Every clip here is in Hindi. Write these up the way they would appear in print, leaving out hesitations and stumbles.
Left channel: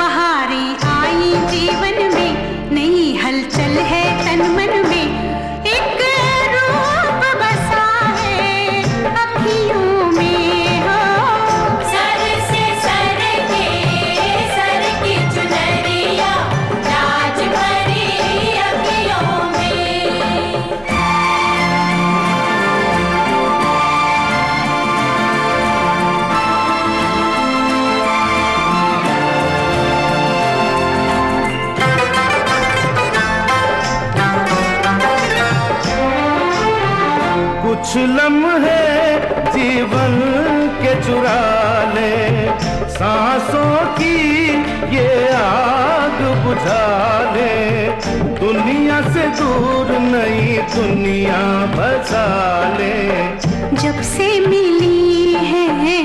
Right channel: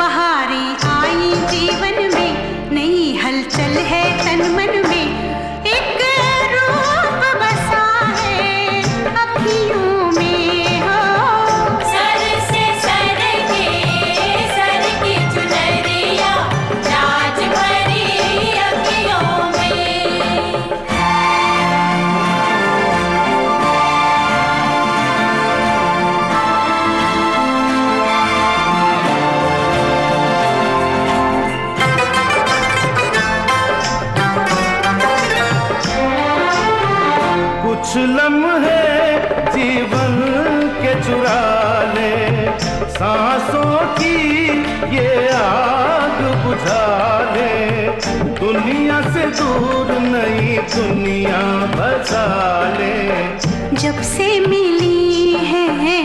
बहारें आई जीवन में, नई हलचल है तन मन में, एक रूप बसा है अखियों में हो। सर से सर की चुनरिया राज भरी अखियों में। कुछ लम्हे जीवन के चुरा ले, सांसों की ये आग बुझा ले, दुनिया से दूर नई दुनिया बसा ले। जब से मिली है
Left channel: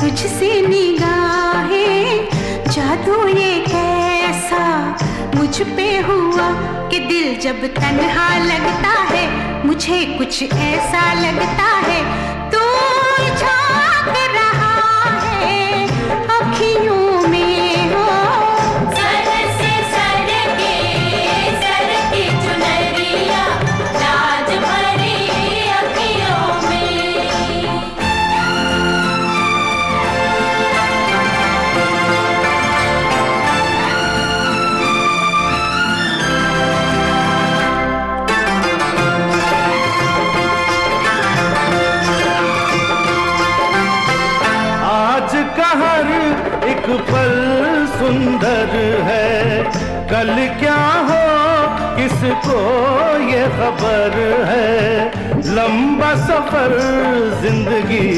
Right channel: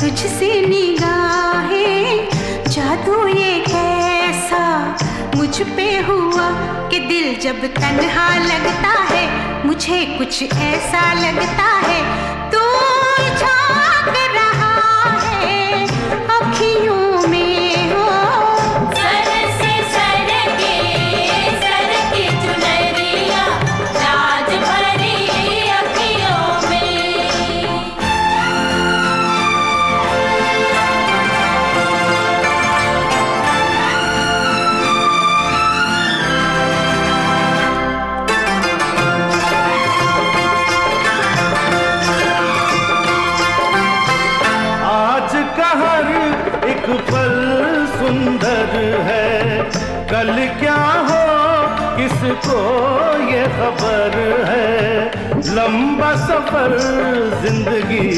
तुझसे निगाहें, जादू ये कैसा मुझ पे हुआ कि दिल जब तन्हा लगता है, मुझे कुछ ऐसा लगता है तू झांक रहा है अखियों में हो। सर से सर की चुनरिया राज भरी अखियों में। आज का हर एक पल सुंदर है, कल क्या हो किसको ये खबर है। लंबा सफर जिंदगी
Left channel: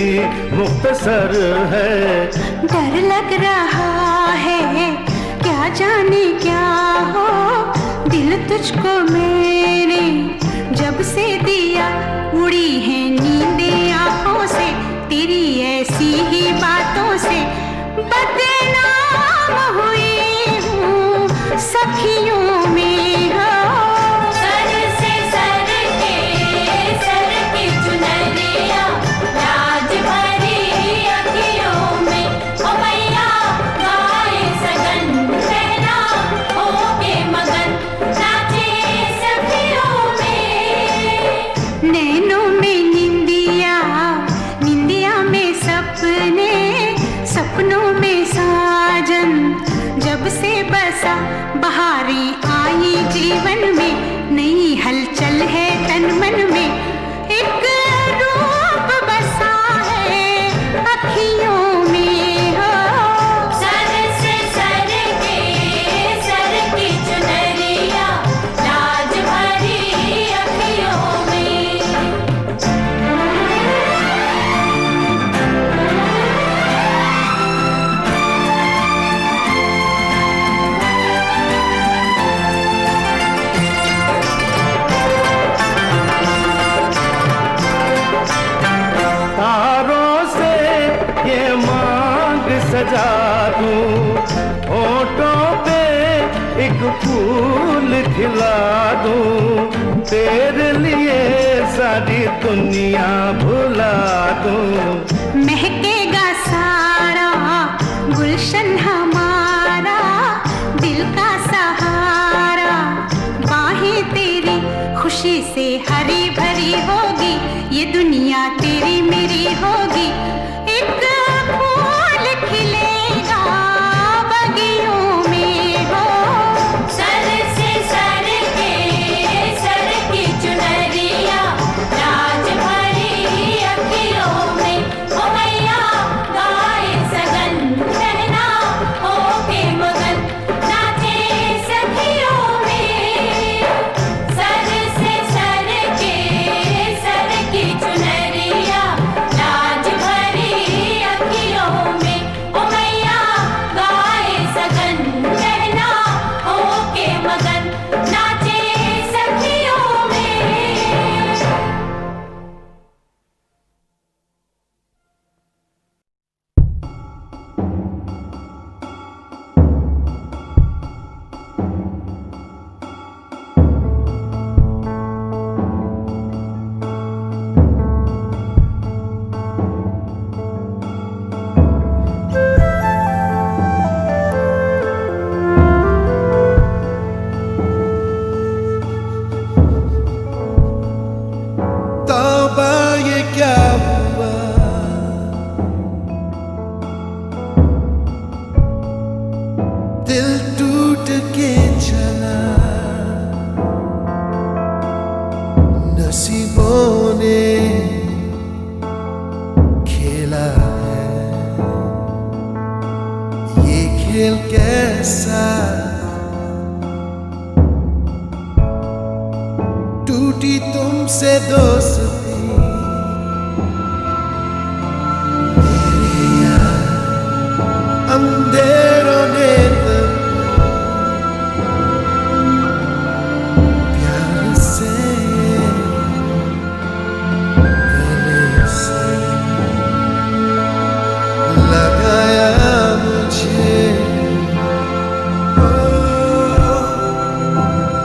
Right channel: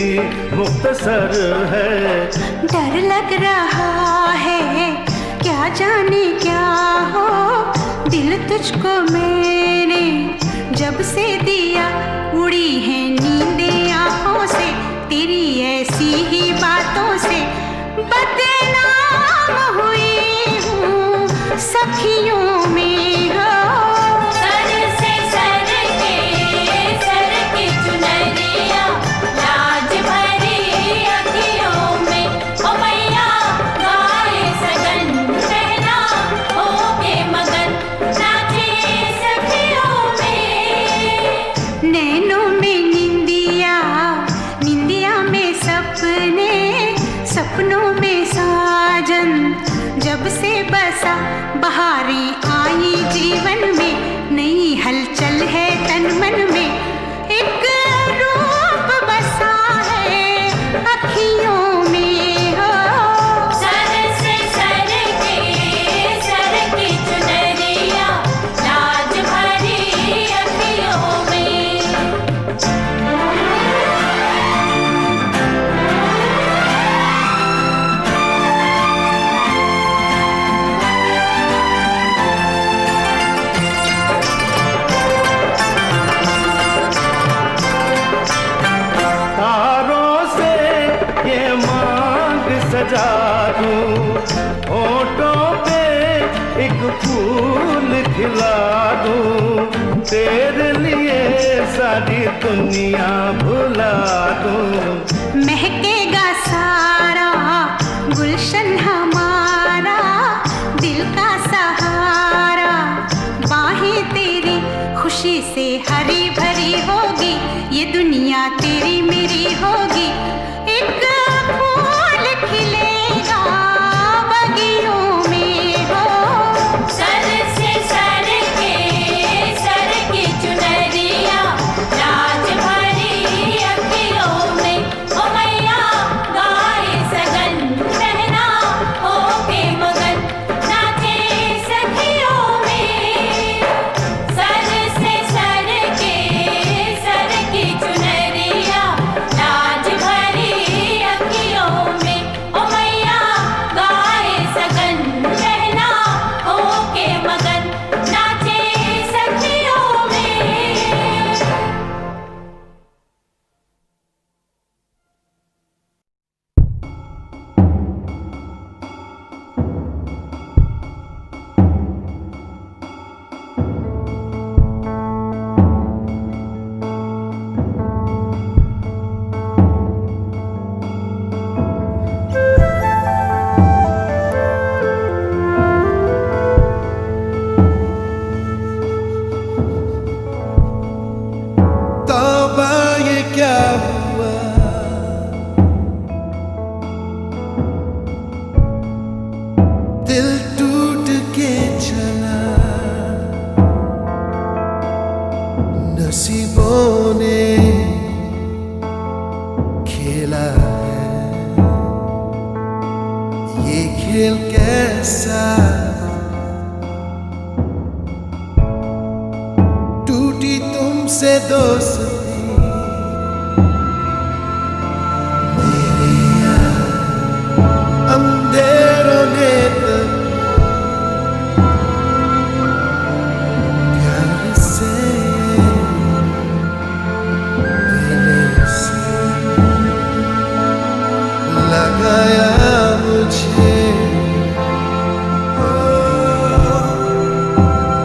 मुख्तसर है। डर लग रहा है क्या जाने क्या हो, दिल तुझको मैंने जब से दिया, उड़ी है नींदें आंखों से, तेरी ऐसी ही बातों से बदनाम हुई हूँ सखियों में हो। सर से सर की चुनरिया राज भरी अखियों में। ओ मैया गाए सगन रहना होके मगन, नाचे सखियों में। नैनों में निंदिया, निंदिया में सपने, सपनों में साजन जब से बसा, बहारें आई जीवन में, नई हलचल है तन मन में, एक रूप बसा है अखियों में हो। सर से सर की चुनरिया राज भरी अखियों में। तारों से ये मांग सजा दूं, होठों पे एक फूल खिला दूं, तेरे लिए सारी दुनिया भुला दूं। महकेगा सारा गुलशन हमारा, दिल का सहारा, बाहें तेरी खुशी से हरी भरी होगी, ये दुनिया तेरी मेरी होगी, एक फूल खिलेगा बगियों में हो। सर से सर की चुनरिया राज भरी अखियों में। ओ मैया गाए सगन रहना होके मगन, नाचे सखियों में। सर से सर दिल कैसा टूटी तुमसे दोस्ती मेरे यार अंधेरों ने प्यार से गले से लगाया मुझे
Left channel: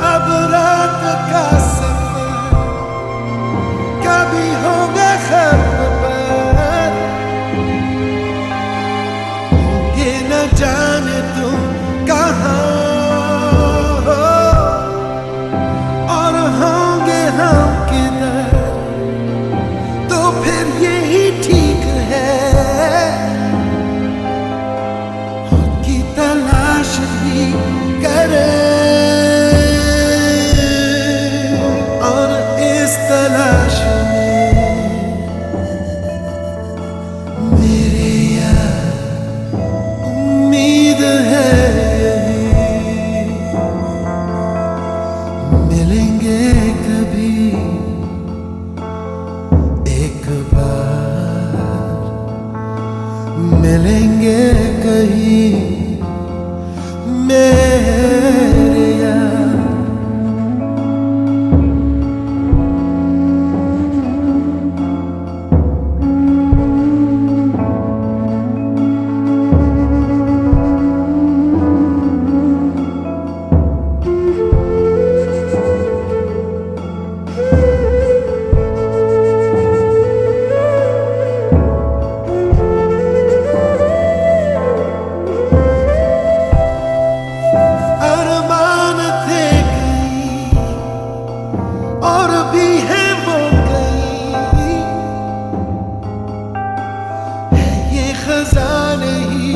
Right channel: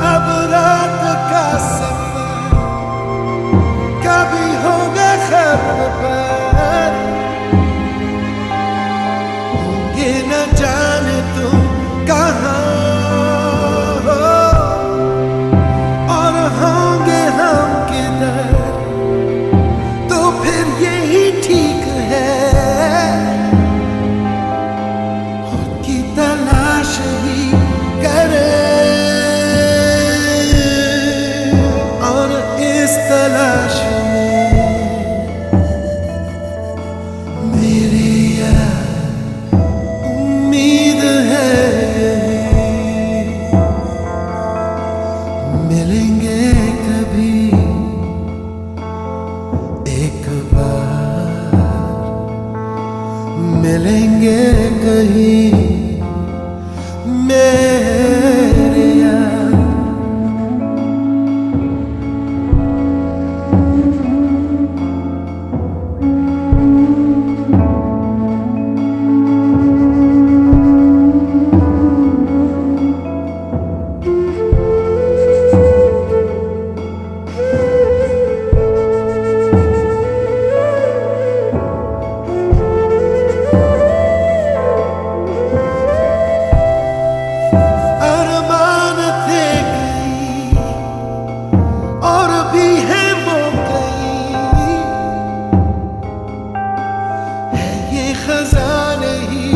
अब रात का सफर कभी होगा खत्म पर होंगे न जाने तुम कहाँ हो और होंगे हम किधर तो फिर यही ठीक है खुद की तलाश ही करें और इस तलाश में मेरे यार उम्मीद है यही मिलेंगे कभी एक बार मिलेंगे कहीं मेरे यार अरमान थे कई और भी है वो कई है ये खजाने ही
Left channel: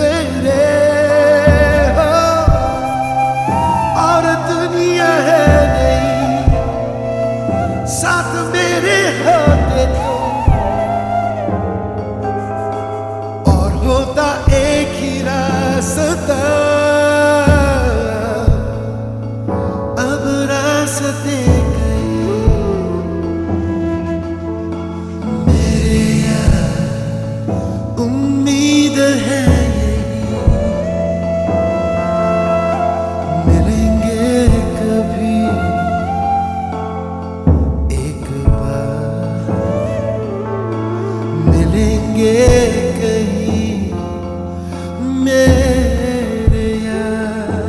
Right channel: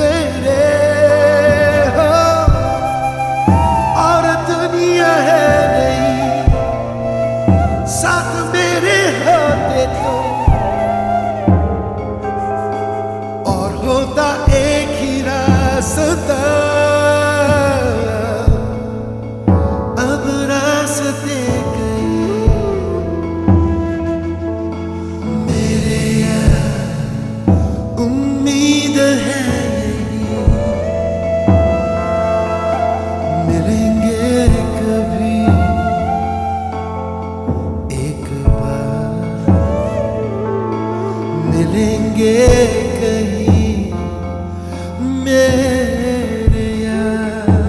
मेरे हो और दुनिया है नहीं साथ मेरे होते तुम और होता एक ही रास्ता अब रास्ते कई मेरे यार उम्मीद है यही मिलेंगे कभी एक बार मिलेंगे कहीं मेरे यार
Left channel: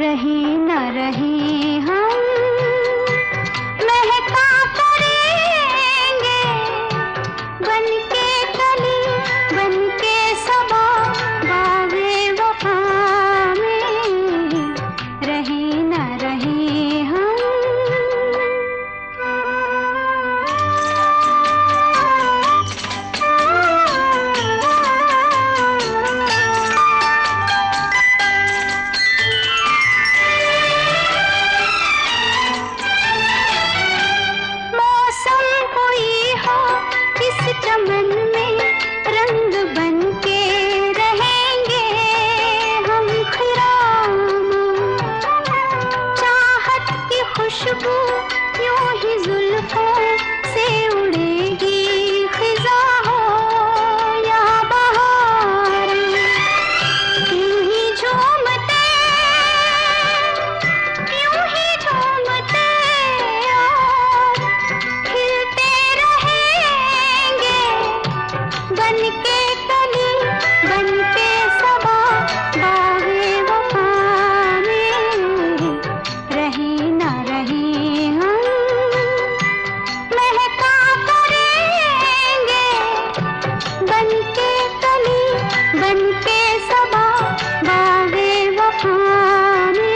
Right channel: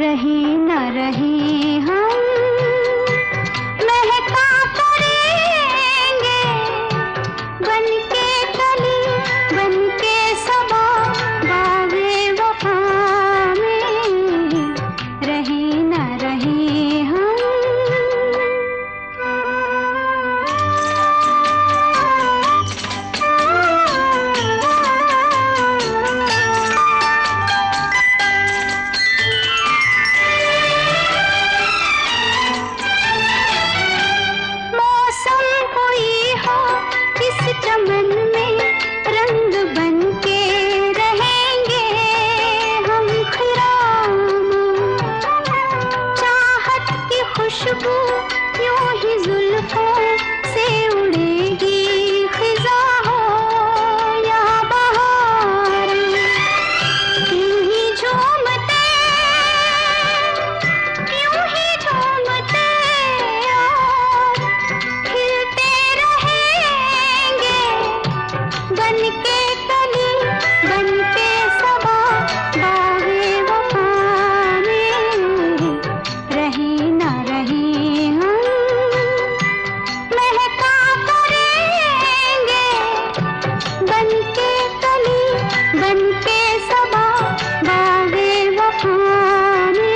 रहे न रहे हम महका करेंगे बनके कली बनके सबा बागे वफा में रहे न रहे हम बनके कली बनके सबा बागे वफा में रहे ना रहे हम महका करेंगे बनके कली बनके सबा बागे वफा में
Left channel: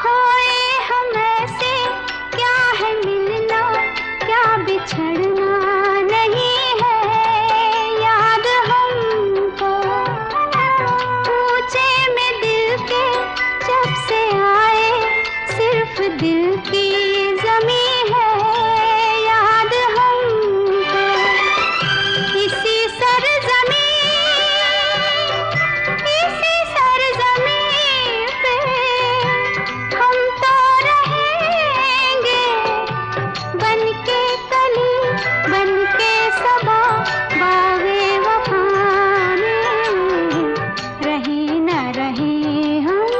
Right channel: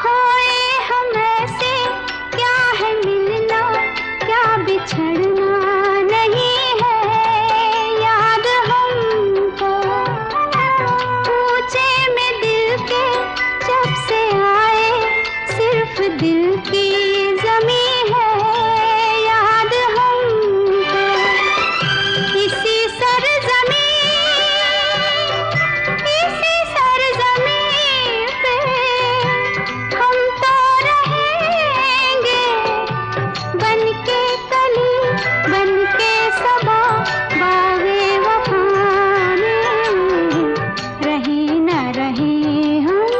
खोए हम ऐसे क्या है मिलना क्या बिछड़ना नहीं है याद हमको पूछे में दिल के जब से आए सिर्फ दिल की जमी है याद हमको इसी सरजमी पे हम तो रहेंगे बनके कली बनके सबा बागे वफा में रहे ना रहे हम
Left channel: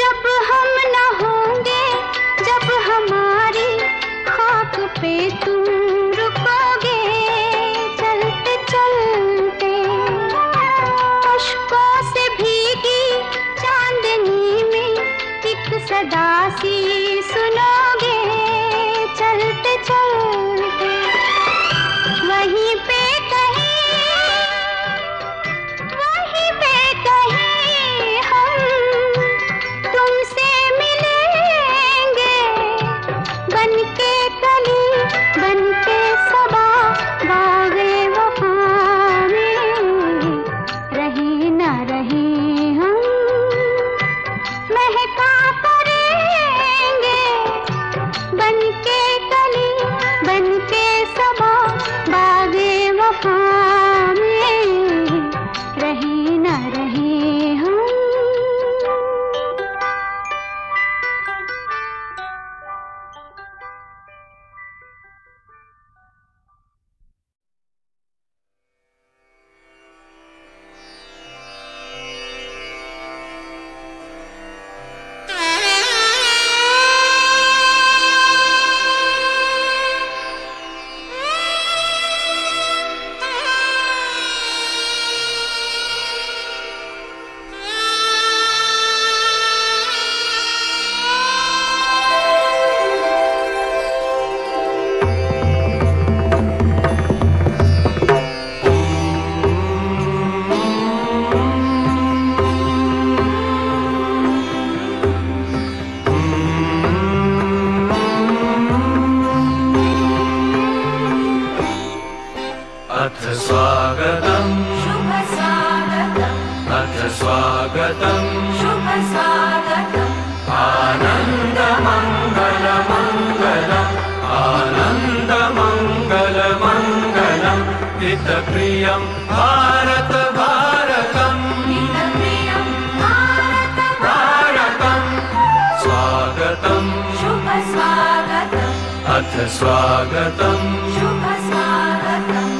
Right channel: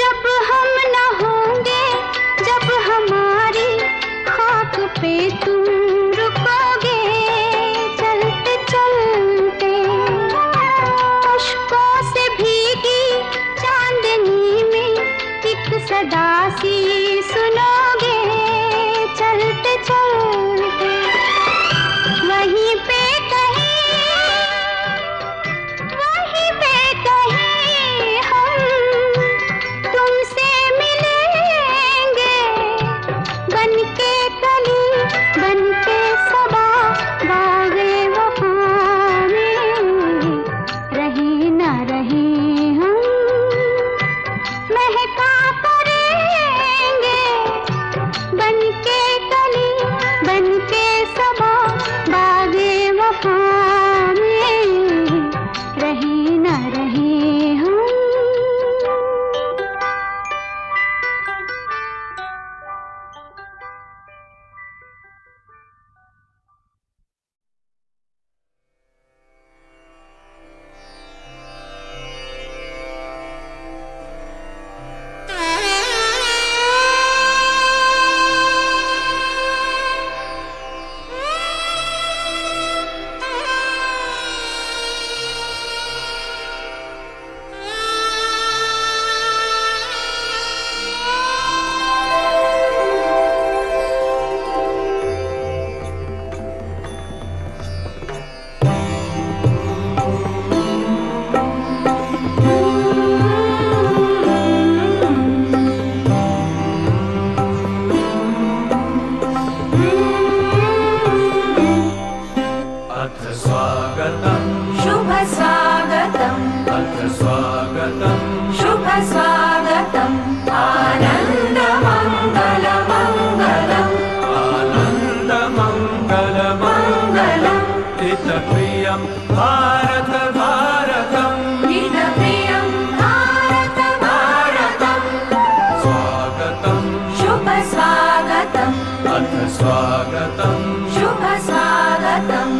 जब हम न होंगे जब हमारी खाक पे तुम रुकोगे चलते चलते अश्कों से भीगी चांदनी में एक सदा सी सुनोगे चलते चलते वहीं पे कहीं हम तुमसे मिलेंगे बनके कली बनके सबा बागे वफा में रहे ना रहे हम महका करेंगे बनके कली बनके सबा बागे वफा में रहे ना रहे हम अथ स्वागतं शुभ स्वागतम् अथ स्वागतं शुभ स्वागतम् आनन्दमङ्गलमङ्गलम् आनन्दमङ्गलमङ्गलम् हितप्रियं भारत भारतम् हितप्रियं भारत भारतं स्वागतं शुभ स्वागतम् अथ स्वागतं शुभ स्वागतम्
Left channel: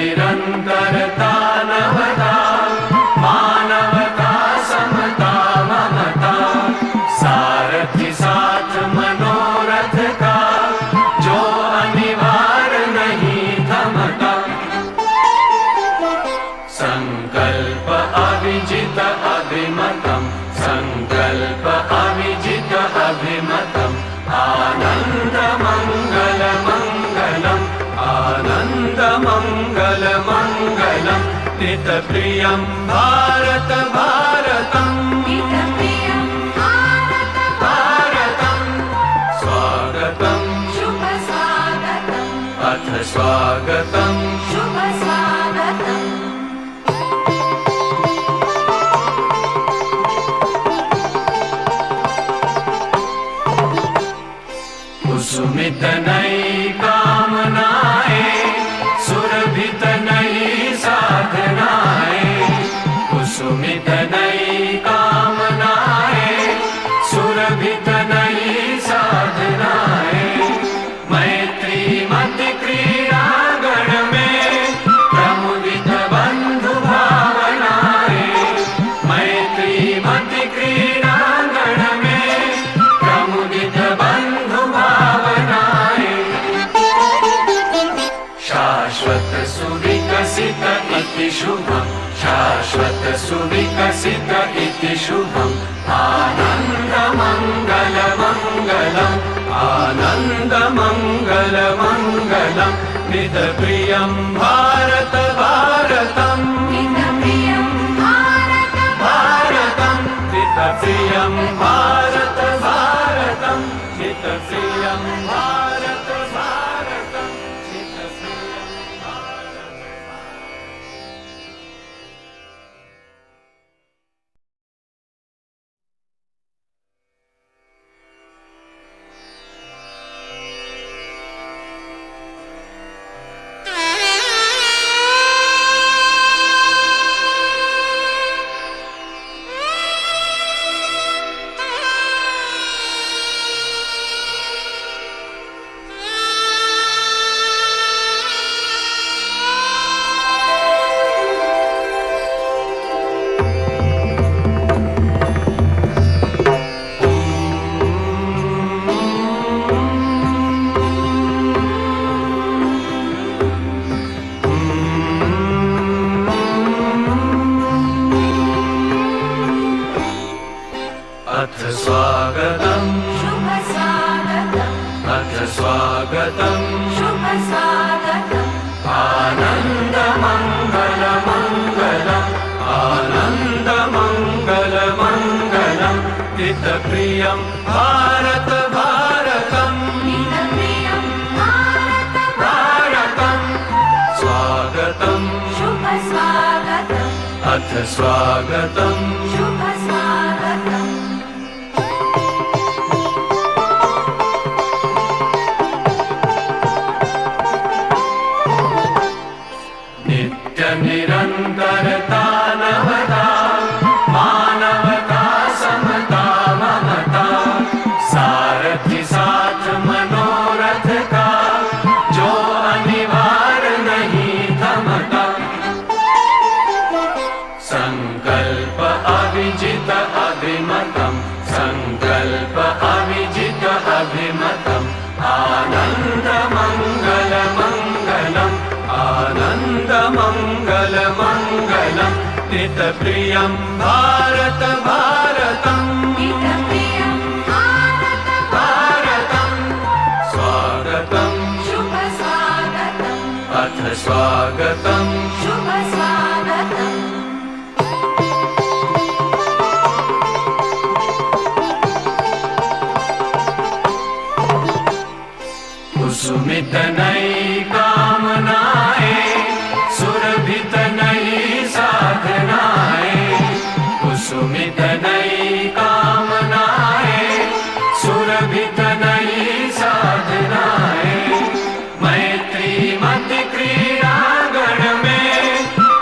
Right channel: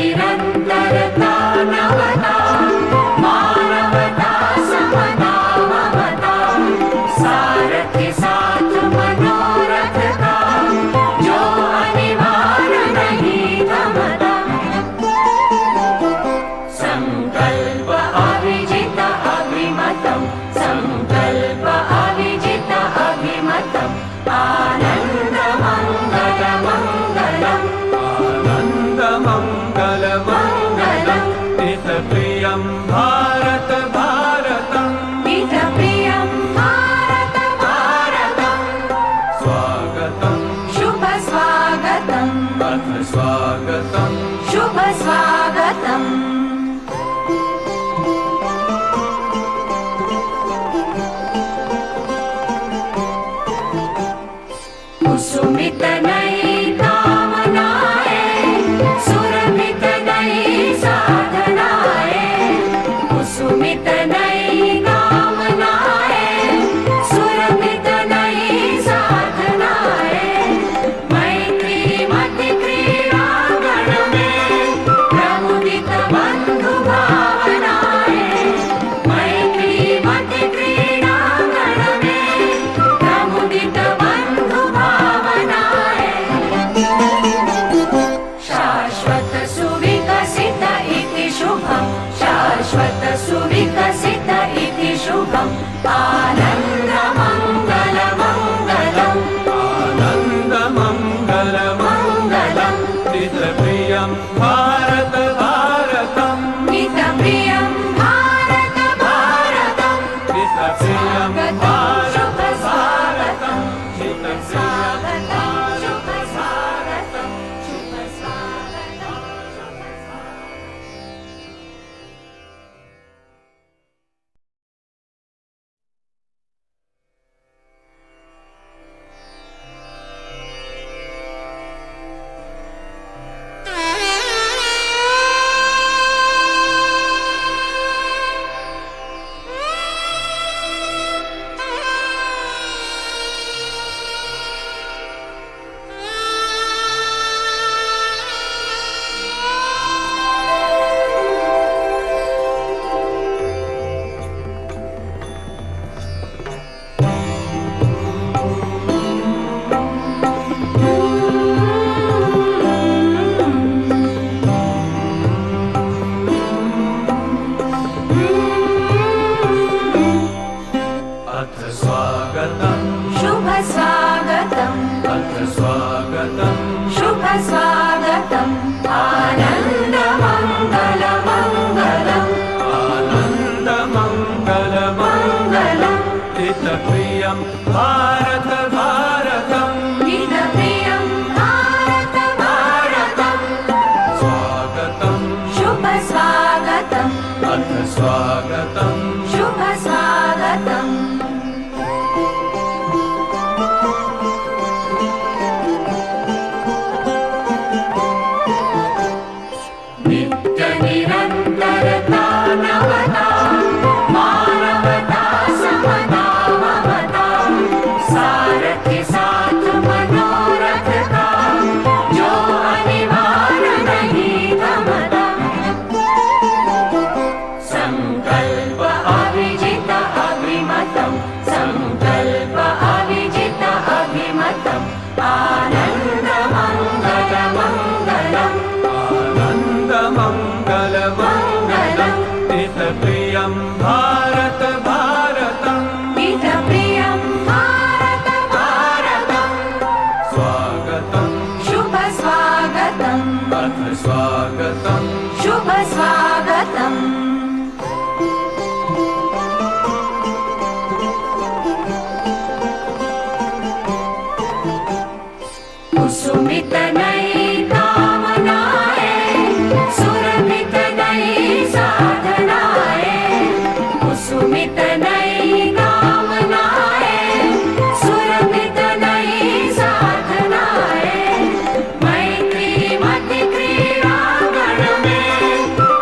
नित्यनिरन्तरता नवता मानवता समता ममता सारथी साथ मनोरथ का जो अनिवार्य नहीं थमता संकल्प अविजित अभिमतम् संकल्प अविजित अभिमतम् आनन्दमङ्गलमङ्गलम् आनन्दमङ्गलमङ्गलम् हितप्रियं भारत भारतम् हितप्रियं भारत भारतम् स्वागतं शुभ स्वागतम् अथ स्वागतं शुभ स्वागतम् कुसुमित नई कामनाएं, सुरभित नई साधनाएं, कुसुमित नई कामनाएं, सुरभित नई साधनाएं, मैत्री मति क्रीड़ांगण में प्रमुदित बंधु भावनाएं, मैत्री मति क्रीड़ांगण में प्रमुदित बंधु भावनाएं, शाश्वत सुविकसित इति शुभम्, शाश्वत सुविकसित इति शुभम्, आनंद मंगल मंगलम्, आनंद मंगल मंगलम्, हितप्रियं भारत भारतम्, हितप्रियं भारत भारतम्, हितप्रियं भारत भारतम्, हितप्रियं भारत भारतम्, हितप्रियं भारत। अथ स्वागतं शुभ स्वागतम्, अथ स्वागतं शुभ स्वागतम्, आनंद मंगल मंगलम्, आनंद मंगल मंगलम्, हितप्रियं भारत भारतम्, हितप्रियं भारत भारतम्, स्वागतं शुभ स्वागतम्, अथ स्वागतं शुभ स्वागतम्, नित्य निरन्तरता नवता, मानवता समता ममता, सारथी साथ मनोरथ का, जो अनिवार्य नहीं थमता, संकल्प अविजित अभिमतम्, संकल्प अविजित अभिमतम्, आनंद मंगल मंगलम्, आनंद मंगल मंगलम्, हितप्रियं भारत भारतम्, हितप्रियं भारत भारतम्, स्वागतं शुभ स्वागतम्, अथ स्वागतं शुभ स्वागतम्, कुसुमित नई कामनाएं, सुरभित नई साधनाएं, कुसुमित नई कामनाएं, सुरभित नई साधनाएं, मैत्री मति क्रीड़ांगण में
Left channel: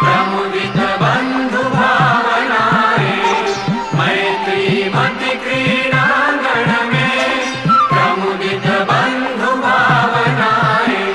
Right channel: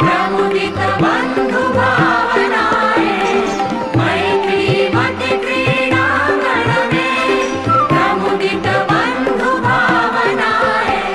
प्रमुदित बंधु भावनाएं, मैत्री मति क्रीड़ांगण में प्रमुदित बंधु भावनाएं,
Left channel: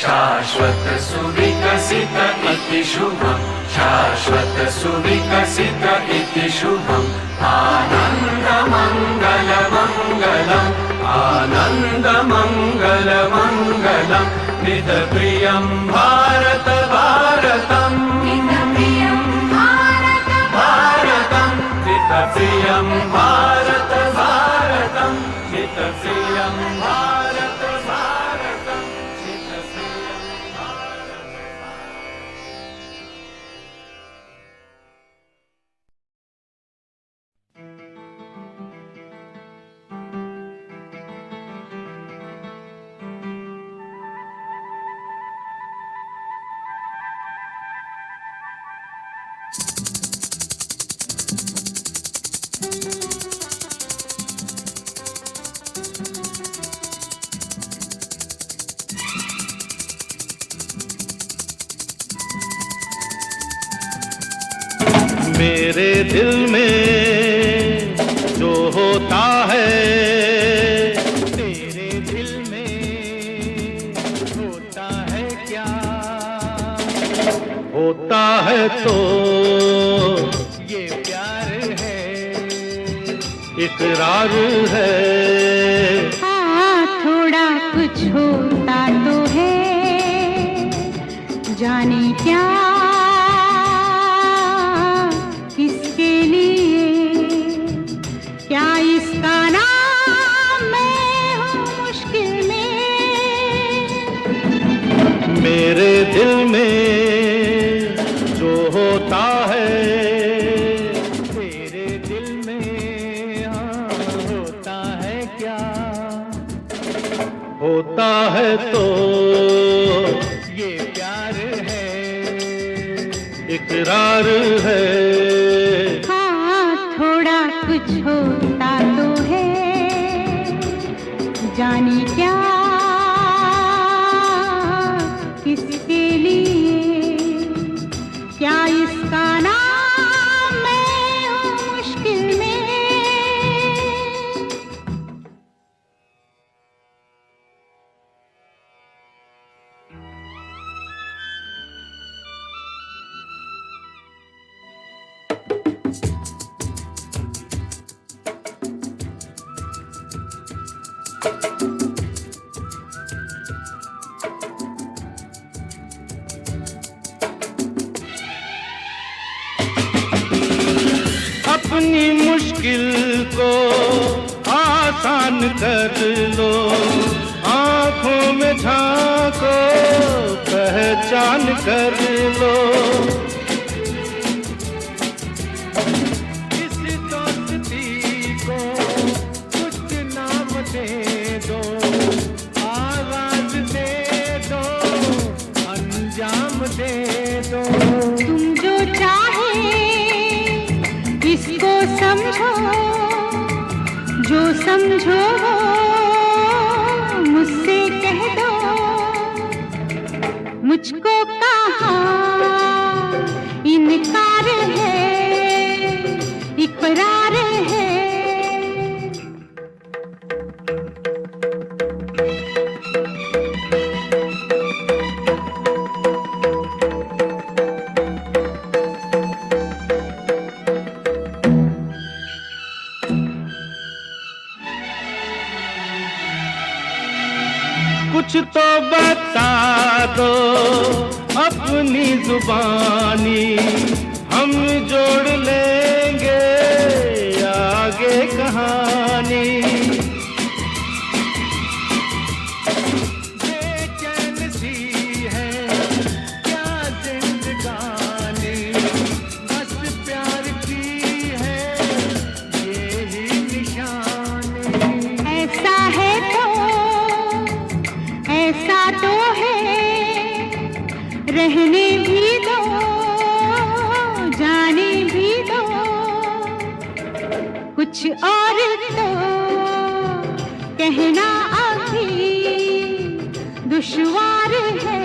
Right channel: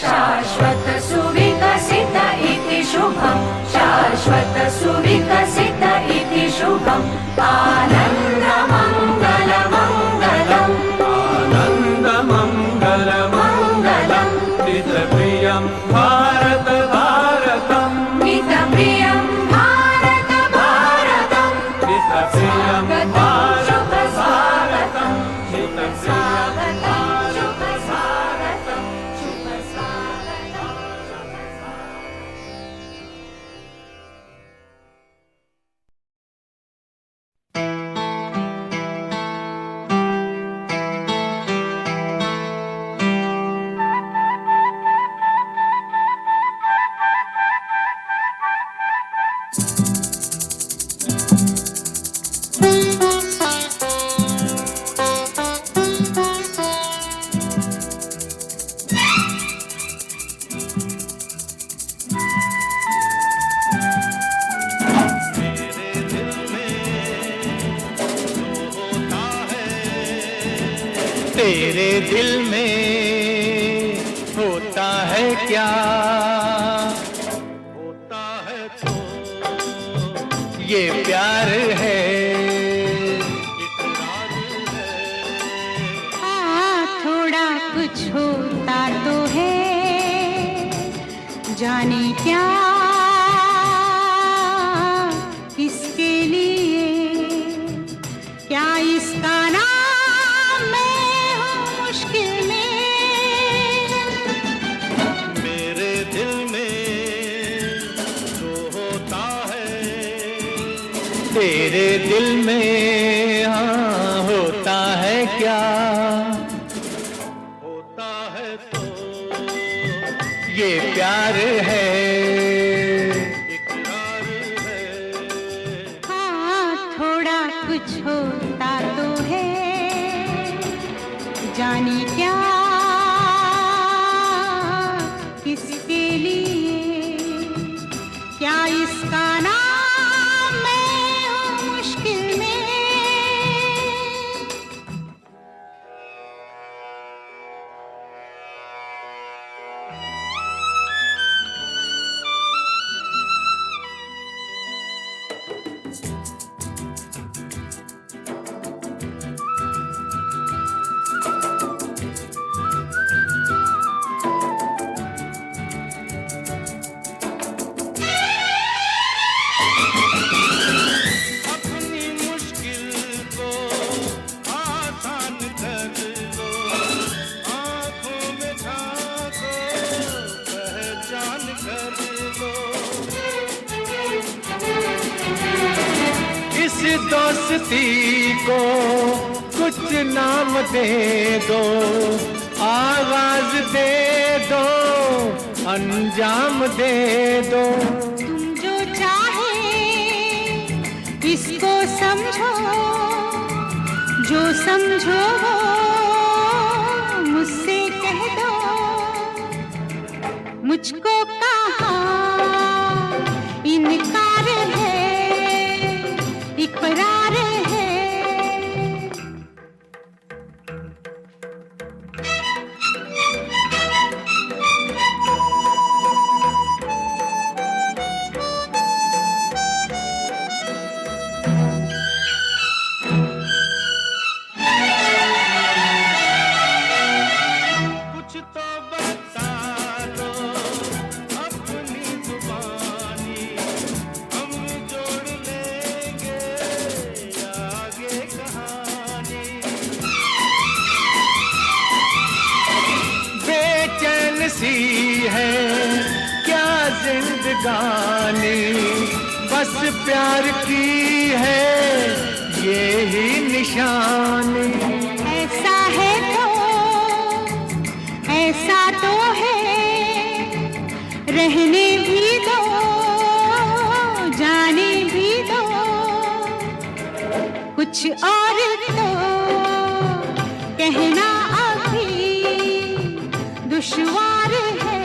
शाश्वत सुविकसित इति शुभम्, शाश्वत सुविकसित इति शुभम्, आनंद मंगल मंगलम्, आनंद मंगल मंगलम्, हितप्रियं भारत भारतम्, हितप्रियं भारत भारतम्, हितप्रियं भारत भारतम्, हितप्रियं भारत भारतम्, हितप्रियं भारत Thank you. है, इकरार है। हाँ, थोड़ा कुछ होता तो है, जाने क्या किसके लिए, क्या इसका नाम मैं हूँ मुश्किल में। मेरे दिल में जो होता है, तेरे दिल में हाँ होता है क्या? होता है तो ये प्यार है, इकरार है। हाँ, थोड़ा कुछ होता तो है, जाने क्या किसके लिए, क्या इसका नाम मैं हूँ मुश्किल में। अपनी मुश्किल को आसान कर लो, आंखों में झांको, पहचान कर लो। इस दोस्ती को कुछ नाम दे दो, आवाज दे दो, अंजाम दे दो। तुम जो चाहे इसको समझो, जो समझो वो मुझसे कह दो। मुझको कहाँ इनकार है, इकरार है। कुछ तो बता दो अपनी जुबानी, हम जोड़ लेंगे आगे कहानी। बेचैन सी है क्या जिंदगानी, बस प्यार की है ये ही निशानी। ऐसा है तो ऐसा तो है, रहने भी दो, जाने भी दो। कुछ और तो कहना अभी दुश्वार है।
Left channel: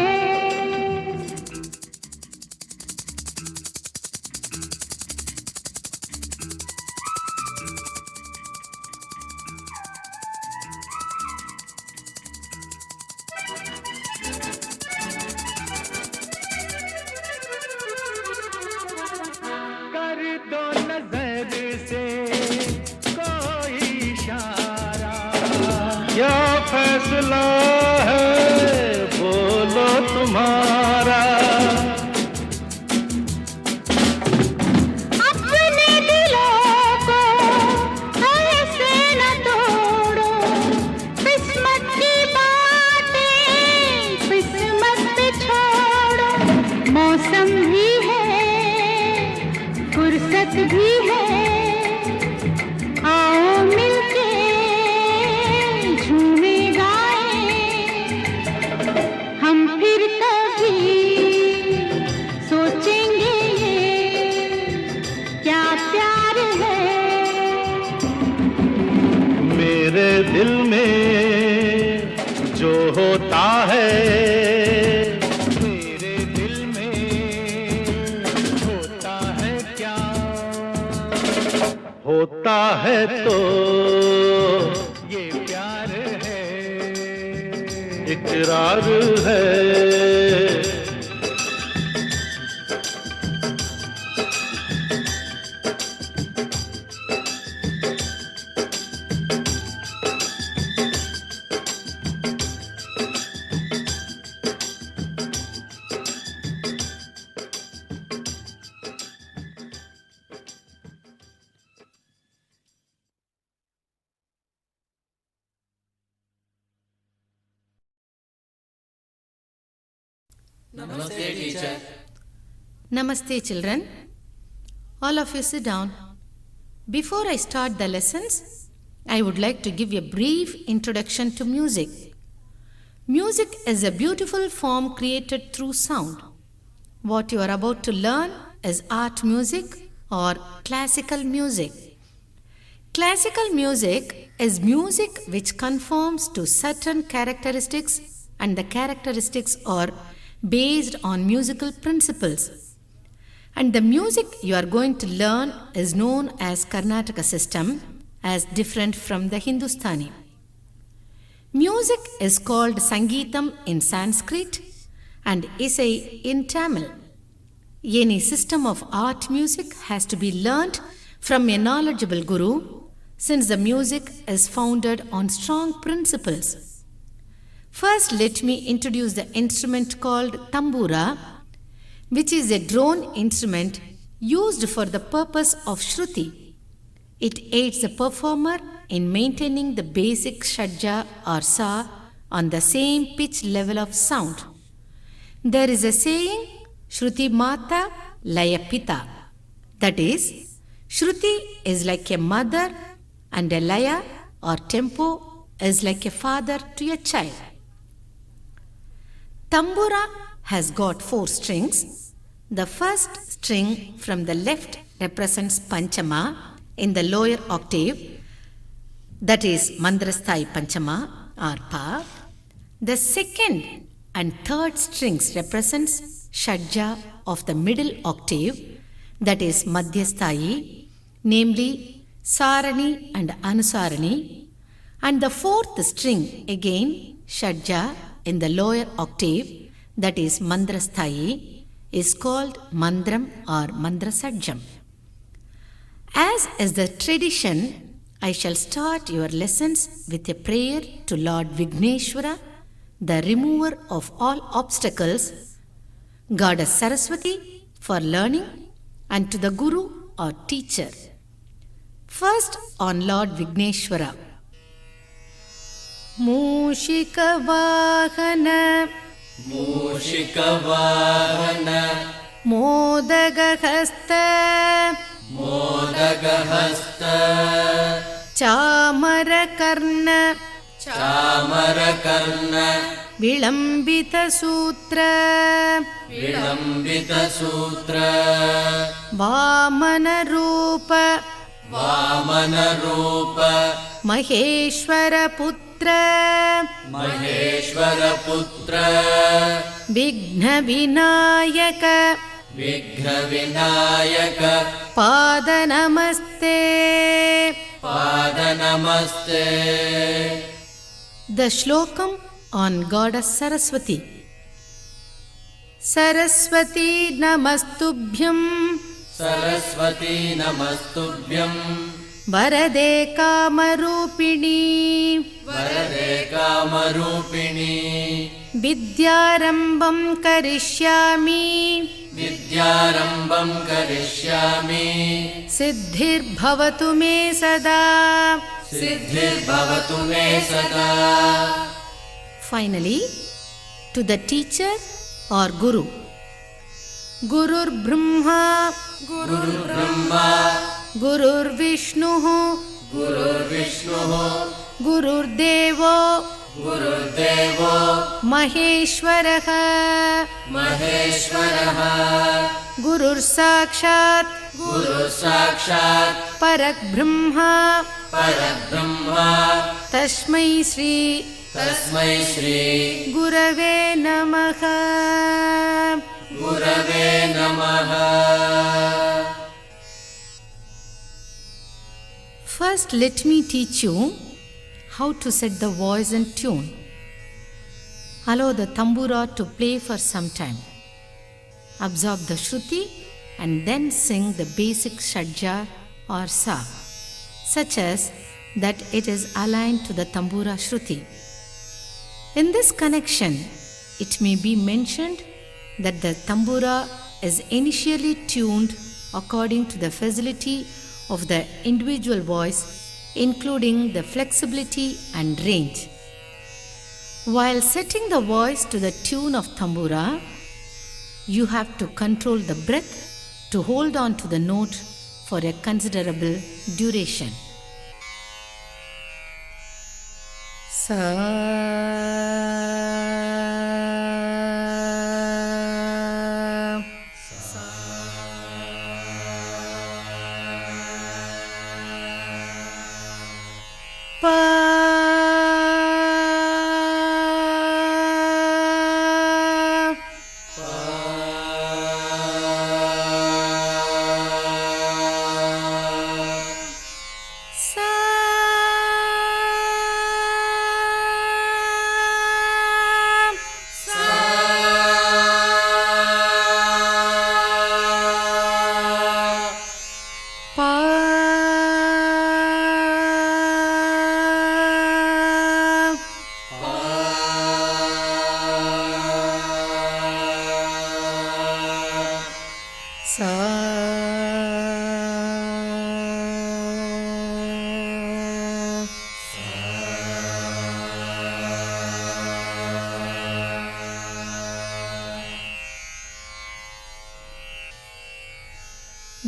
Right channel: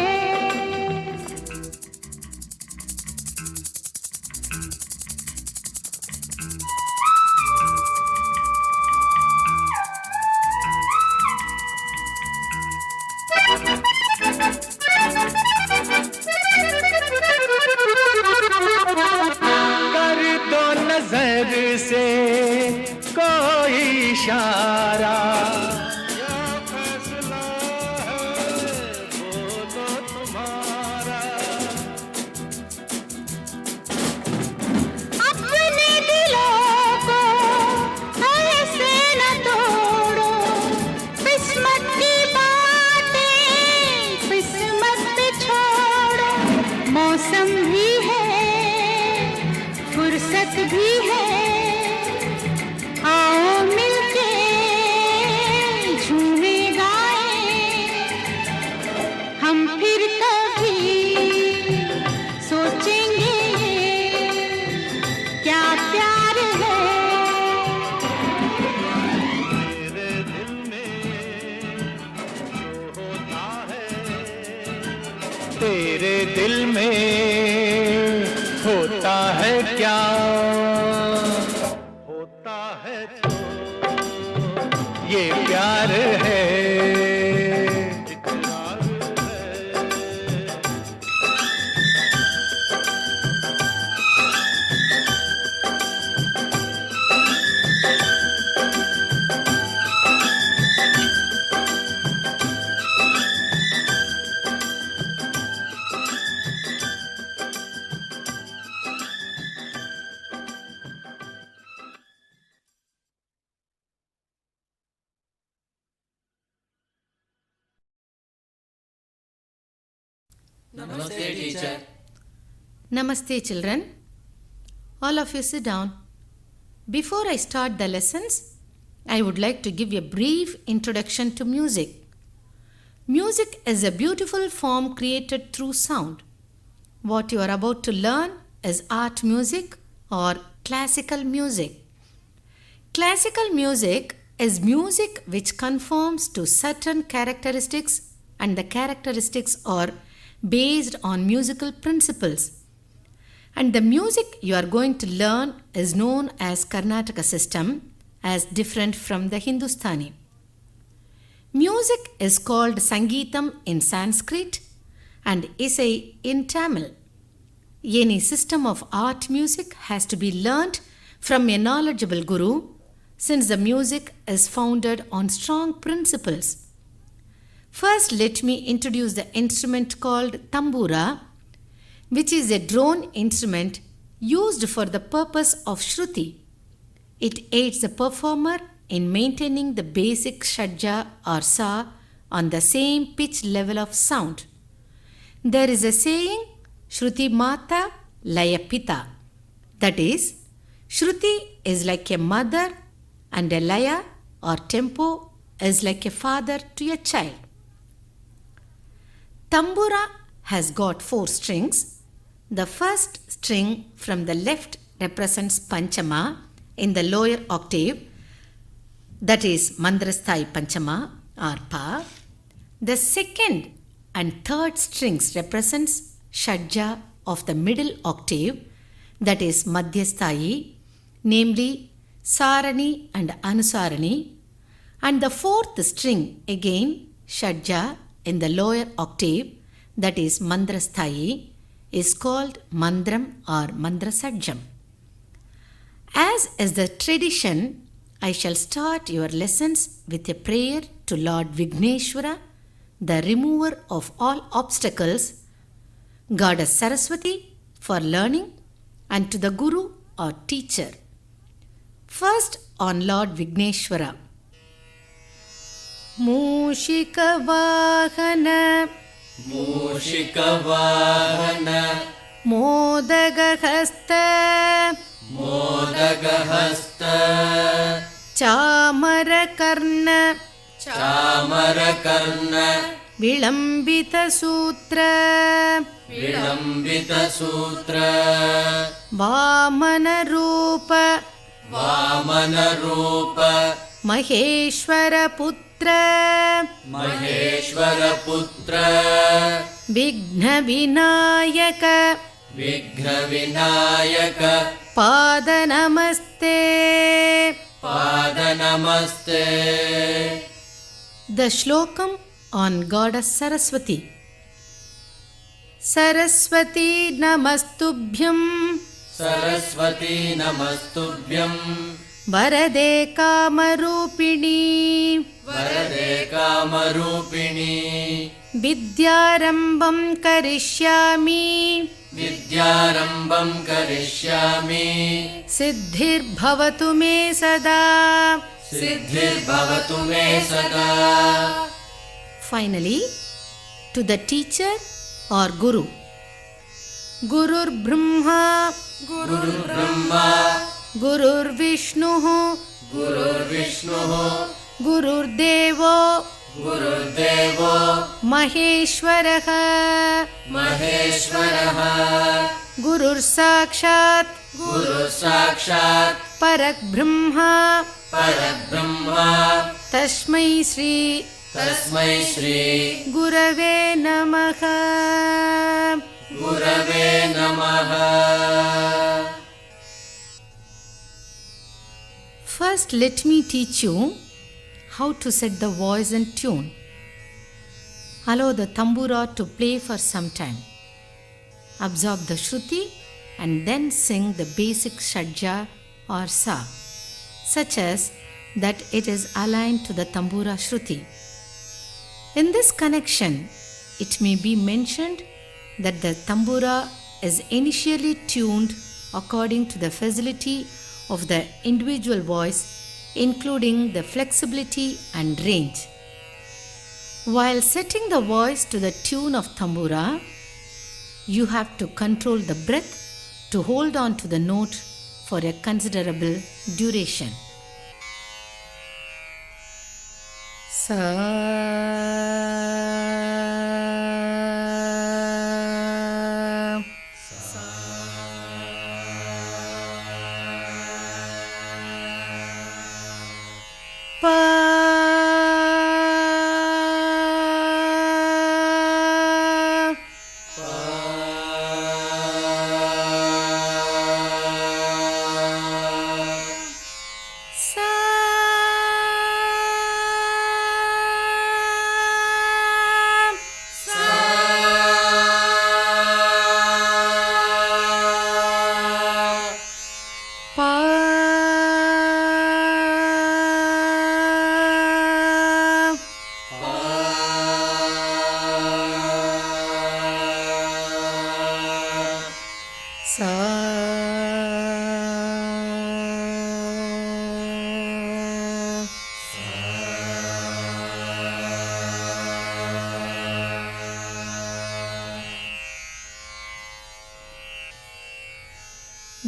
कर दो नजर से कोई इशारा, क्या फैसला है बोलो तुम्हारा। अपने दिलों को ऐसे न तोड़ो, किस्मत की बातें किस्मत पे छोड़ो। मौसम भी है, फुर्सत भी है, आओ मिलके झूमे गाएं। हम फिर कभी सोचेंगे क्या प्यार है। मेरे दिल में जो होता है, तेरे दिल में होता है क्या? होता है तो ये प्यार है, इकरार है। Namaste, children. All of you sit down. Before I start the lessons, I would like to give a brief introduction to music. Music is a beautiful form created through sound. What you are about to learn is art music or classical music. Classical music is music which conforms to certain characteristics, and the characteristics are based on musical principles. And the music you are going to learn is known as Karnataka system, as different from the Hindustani. Music is called Sangeetam in Sanskrit and Isai in Tamil. Any system of art music has to be learnt from a knowledgeable guru, since the music is founded on strong principles. First, let me introduce the instrument called tambura, which is a drone instrument used for the purpose of Shruti. It aids the performer in maintaining the basic shadja or sa on the same pitch level of sound. There is a saying, Shruti Mata Laya Pita. That is, Shruti is like a mother and a laya or tempo is like a father to a child. Tambura has got 4 strings. The first string from the left represents Panchama in the lower octave, that is Mandrasthai Panchama or Pa. The second and third strings represents Shadja of the middle octave, that is Madhyasthai, namely Sarani and Anusarani. And the fourth string again, Shadja in the lower octave, that is Mandrasthai, is called Mandram or Mandrasatcham. As is the tradition, I shall start your lessons with a prayer to Lord Vigneshwara, the remover of all obstacles, Goddess Saraswati for learning, and to the Guru or teacher. First on Lord Vigneshwara. Mushika Vahana Modagahasta Chamarakarna Vilambita Sutra Vamana Rupa Maheshwara Putra Vighna Vinayaka Pada Namaste. The Shlokam on Goddess Saraswati. Saraswati Namastubhyam Varade Kamarupini Vidyarambam Karishyami Siddhir Bhavatu Me Sada. Finally, to the teacher or Guru. Gurur Brahma Gurur Vishnu Gurur Devo Maheshwaraha Gurur Sakshat Parak Brahma Tasmai Shri Gurave Namaha. First, let me teach you how to set the voice in tune. Allow the tambura to play for some time. Absorb the Shruti and then sing the basic Shadja or Sa, such as that it is aligned to the tambura Shruti. In this connection, it may be mentioned that the tambura is initially tuned according to the facility of the individual voice, including the flexibility and range. While setting the voice to the tune of tambura, you have to control the breath to hold on to the note for a considerable duration.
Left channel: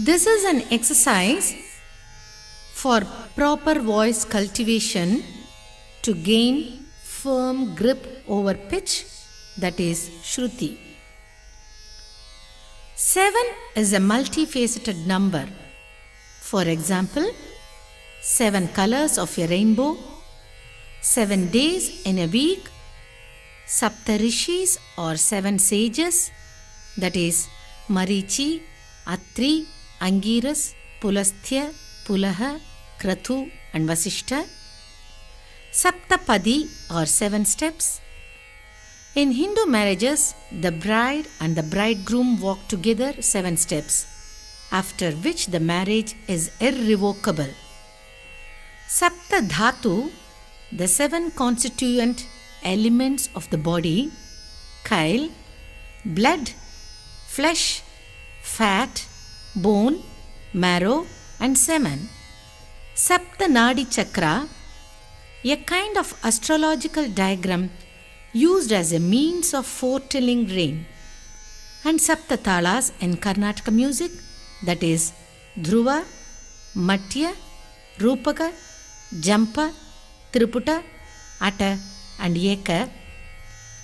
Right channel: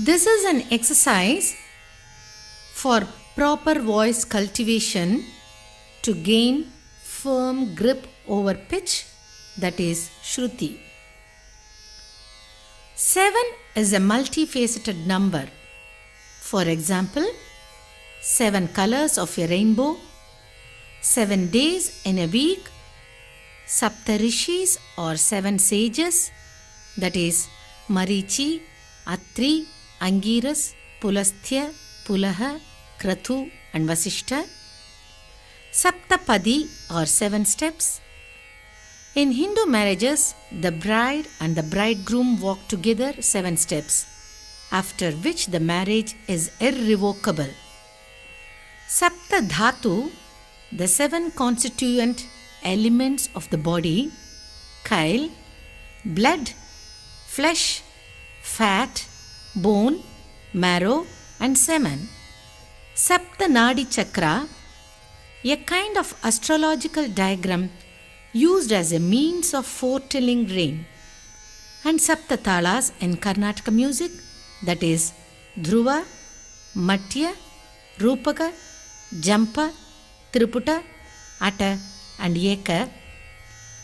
This is an exercise for proper voice cultivation to gain firm grip over pitch, that is Shruti. 7 is a multifaceted number. For example, 7 colors of a rainbow, 7 days in a week, Saptarishis or 7 sages, that is Marichi, Atri, Angiras, Pulastya, Pulaha, Kratu and Vasishta. Saptapadi or 7 steps. In Hindu marriages, the bride and the bridegroom walk together 7 steps, after which the marriage is irrevocable. Sapta Dhatu, the 7 constituent elements of the body, chyle, blood, flesh, fat, bone, marrow and semen. Sapta Nadi Chakra, a kind of astrological diagram used as a means of foretelling rain. And Sapta Talas in Karnataka music, that is Dhruva, Matya, Rupaka, Jampa, Triputa, Atta and Eka,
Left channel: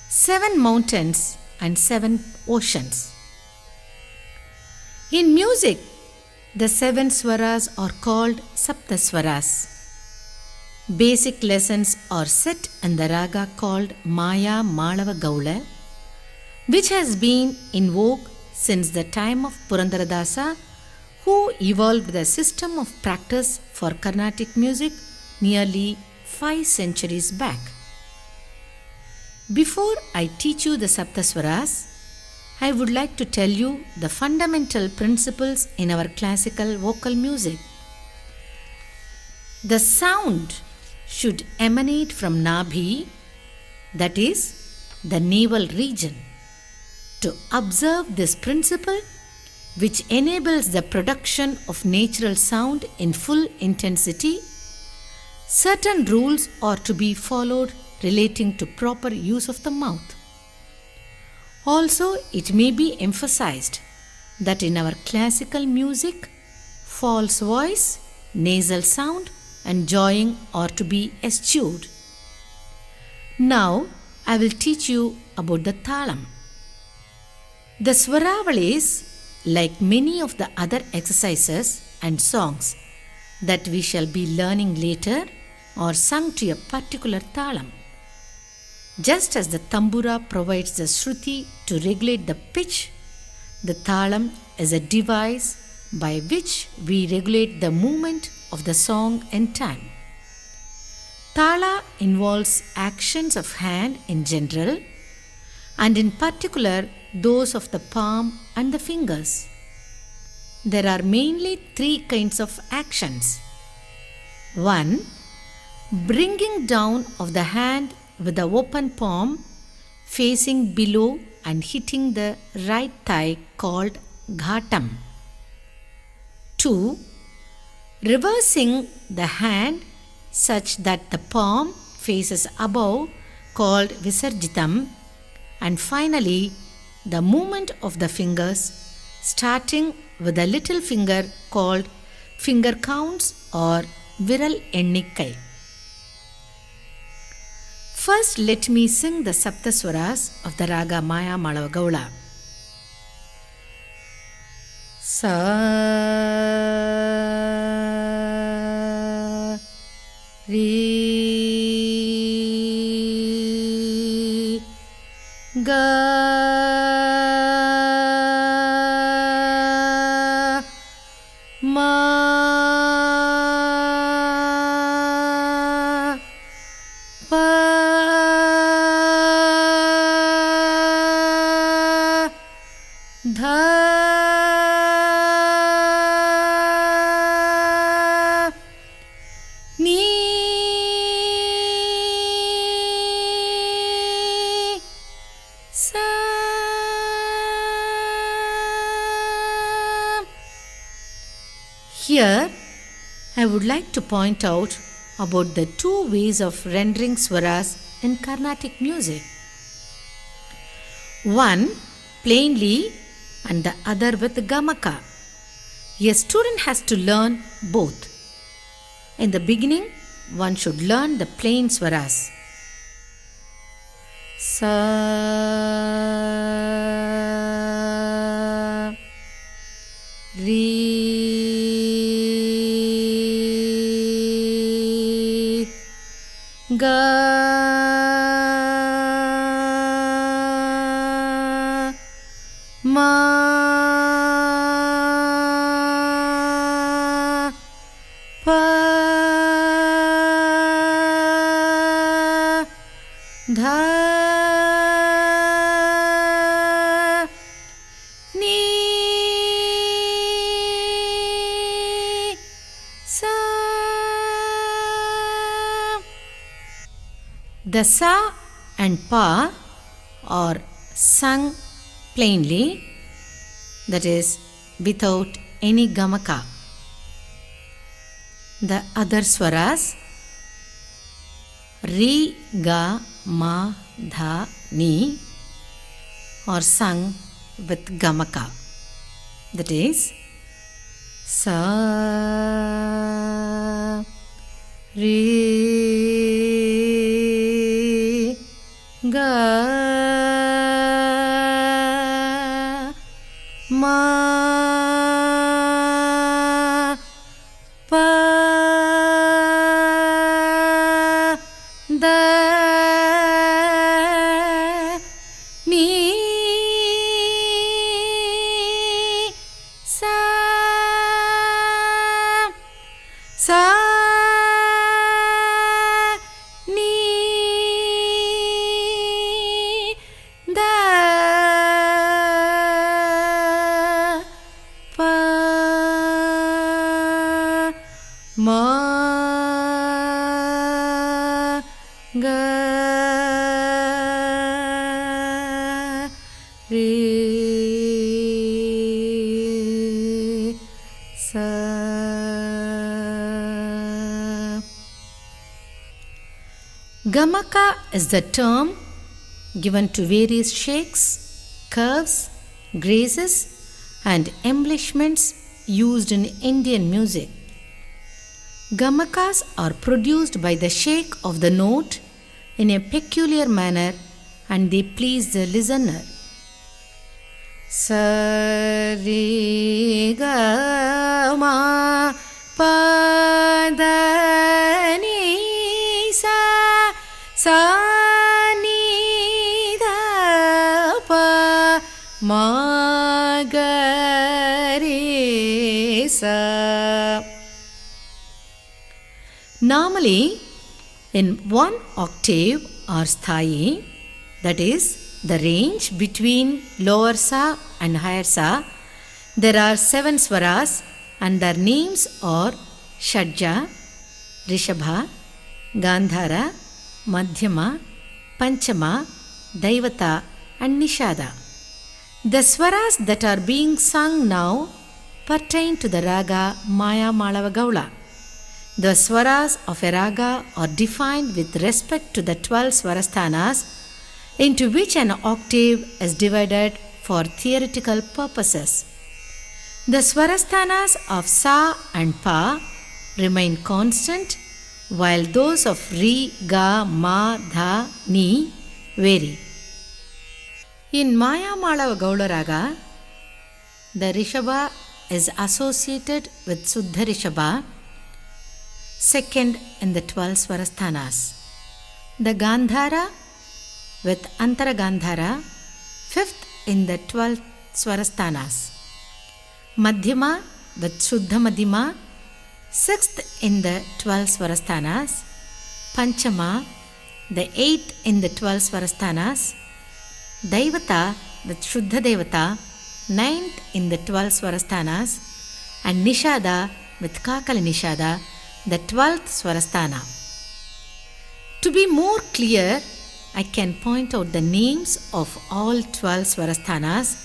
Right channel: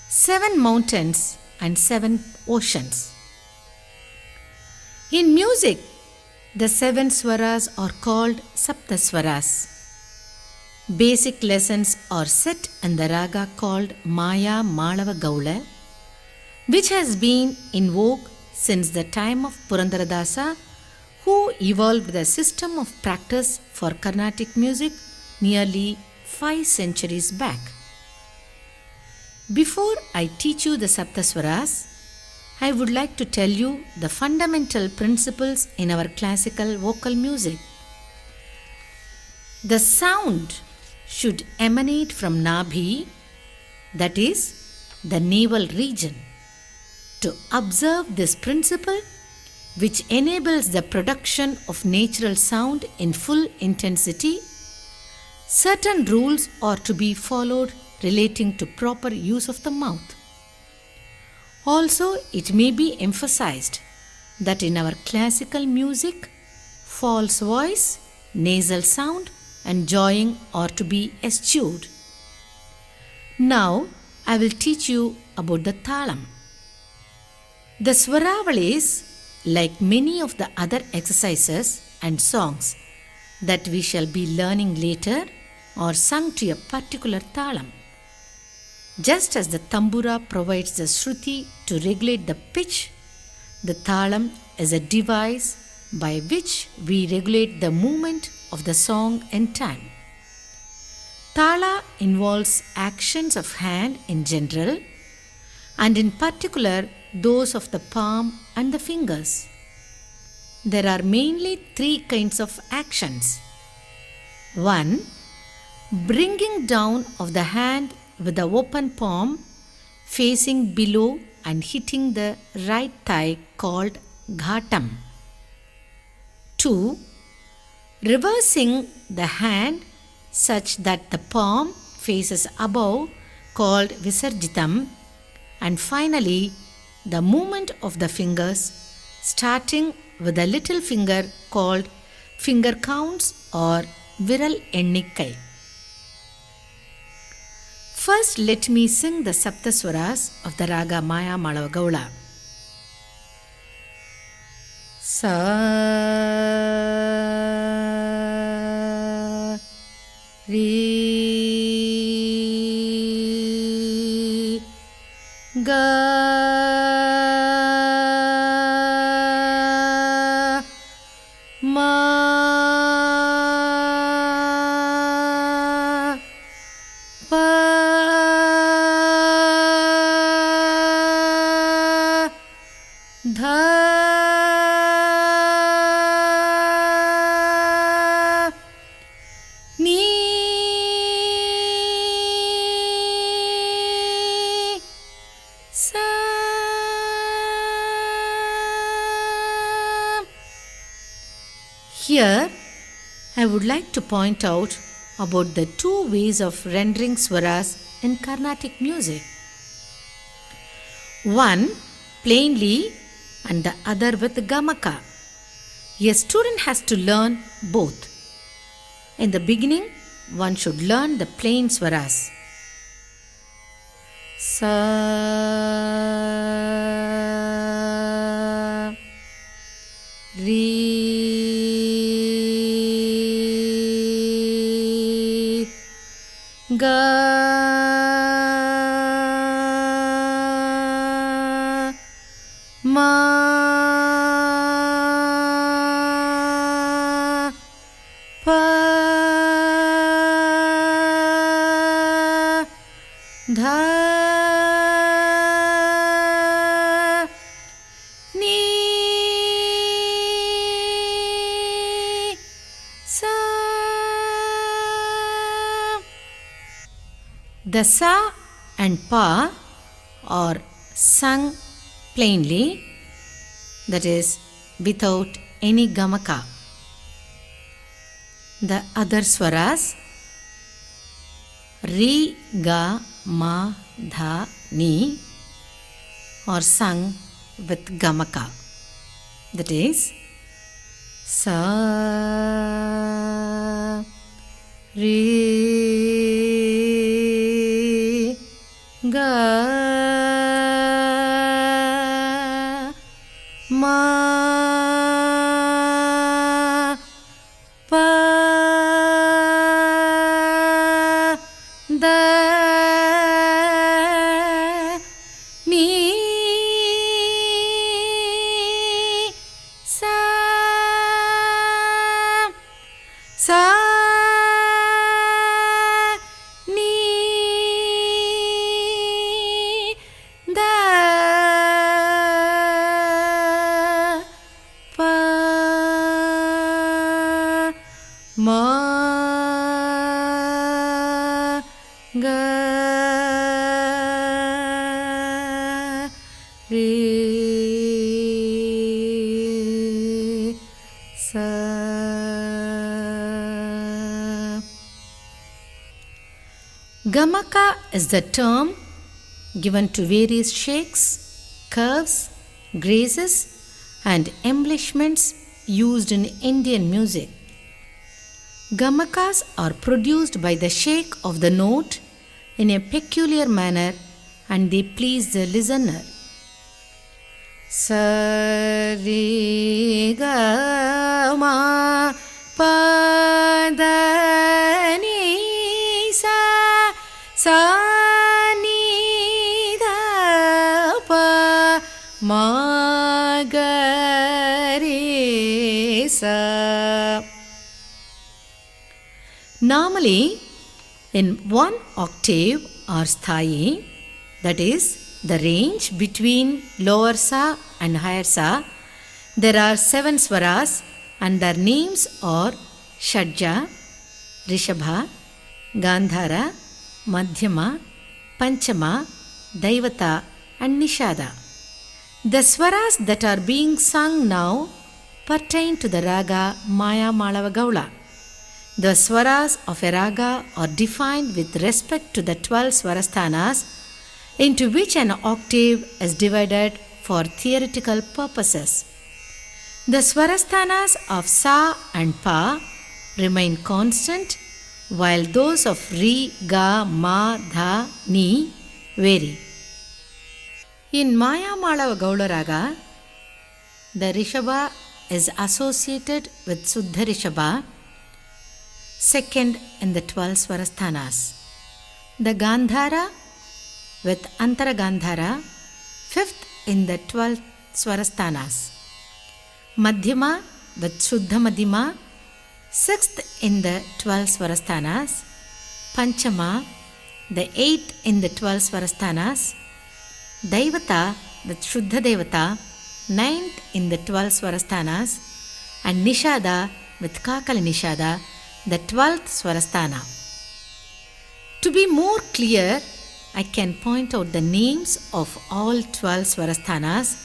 7 mountains and 7 oceans. In music, the 7 swaras are called Sapta Swaras. Basic lessons are set in the raga called Maya Manava Gaula, which has been in vogue since the time of Purandaradasa, who evolved the system of practice for Carnatic music nearly 5 centuries back. Before I teach you the Saptaswaras, I would like to tell you the fundamental principles in our classical vocal music. The sound should emanate from Nabhi, that is, the navel region. To observe this principle, which enables the production of natural sound in full intensity, certain rules are to be followed relating to proper use of the mouth. Also, it may be emphasized that in our classical music, false voice, nasal sound and jawing are to be eschewed. Now, I will teach you about the Thalam. The Swaravalis, like many of the other exercises and songs that we shall be learning later, are sung to a particular Thalam. Just as the Tambura provides the Shruti to regulate the pitch, the Thalam is a device by which we regulate the movement of the song in time. Thala involves actions of hand in general and in particular those of the palm and the fingers. There are mainly 3 kinds of actions. 1. Bringing down of the hand with the open palm facing below and hitting the right thigh called ghatam. 2. Reversing the hand such that the palm faces above called visarjitam. And finally, the movement of the fingers, starting with the little finger called finger counts or viral ennikkai. First, let me sing the Saptaswaras of the Raga Maya Malava Sa Re Ga Ma Pa Dha Ni Sa Here I would like to point out about the two ways of rendering swaras in Carnatic music. One plainly and the other with gamaka. A student has to learn both. In the beginning, one should learn the plain swaras. Sa Re Ga Ma Pa Dha Ni Sa. The sa and pa are sung plainly, that is without any gamaka. The other swaras re, ga, ma, dha, ni are sung with gamaka. That is sa re ga ma pa da ni sa sa ni da pa ma ga re sa. Gamaka is the term given to various shakes, curves, graces, and embellishments used in Indian music. Gamakas are produced by the shake of the note in a peculiar manner and they please the listener. Sa re ga ma pa da ni sa sa ni da pa ma ga re sa. Normally, in one octave or sthayi, that is the range between lower sa and higher sa, there are 7 swaras and their names are Shadja, Rishabha, Gandhara, Madhyama, Panchama, Daivata and Nishada. The swaras that are being sung now pertain to the raga Maya Malava Gaula. The swaras of a raga are defined with respect to the 12 swarasthanas into which an octave is divided for theoretical purposes. The Swarasthanas of Sa and Pa remain constant, while those of Ri, Ga, Ma, Dha, Ni vary. In Maya Madava Gauda Raga, the Rishabha is associated with Suddha Rishabha, second in the 12 Swarasthanas. The Gandhara with Antara Gandhara, fifth in the 12 Swarasthanas. Madhyama with Shuddha Madhyama, sixth in the 12 Swarasthanas. Panchama, the eighth in the 12 Swarasthanas. Daivata with Shuddha Devata, ninth in the 12 Swarasthanas. And Nishada with Kakali Nishada, the 12th Swarasthana. To be more clear, I can point out the names of all 12 Swarasthanas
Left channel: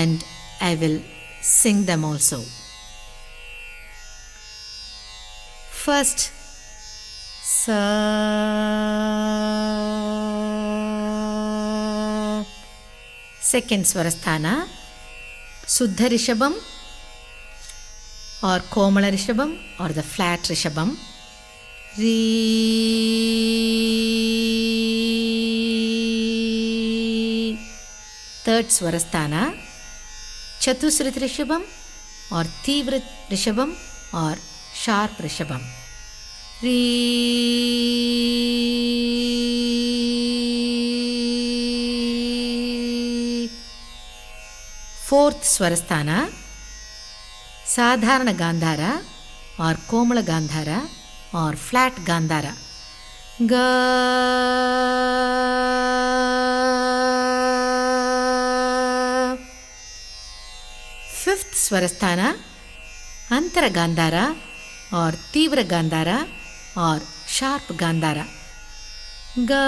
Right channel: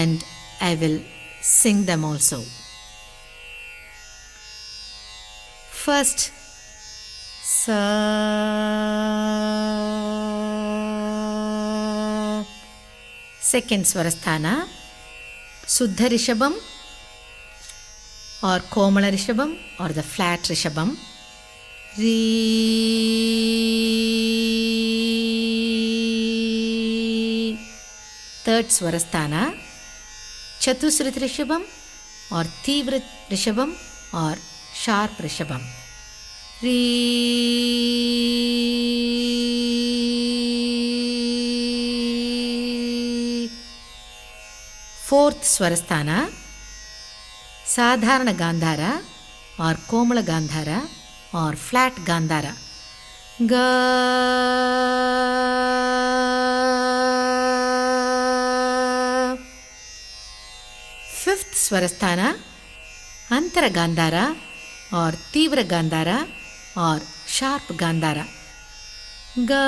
and I will sing them also. First, Sa. Second Swarasthana, Suddha Rishabham or Komala Rishabham or the flat Rishabham. Re. Third Swarasthana, Chatusrit Rishabham or Tivra Rishabham or sharp Rishabham. Re. Fourth Swarasthana, Sadharana Gandhara or Komala Gandhara or flat Gandhara. Ga. Fifth Swarasthana, Antara Gandhara or Tivra Gandhara or sharp Gandhara. Ga.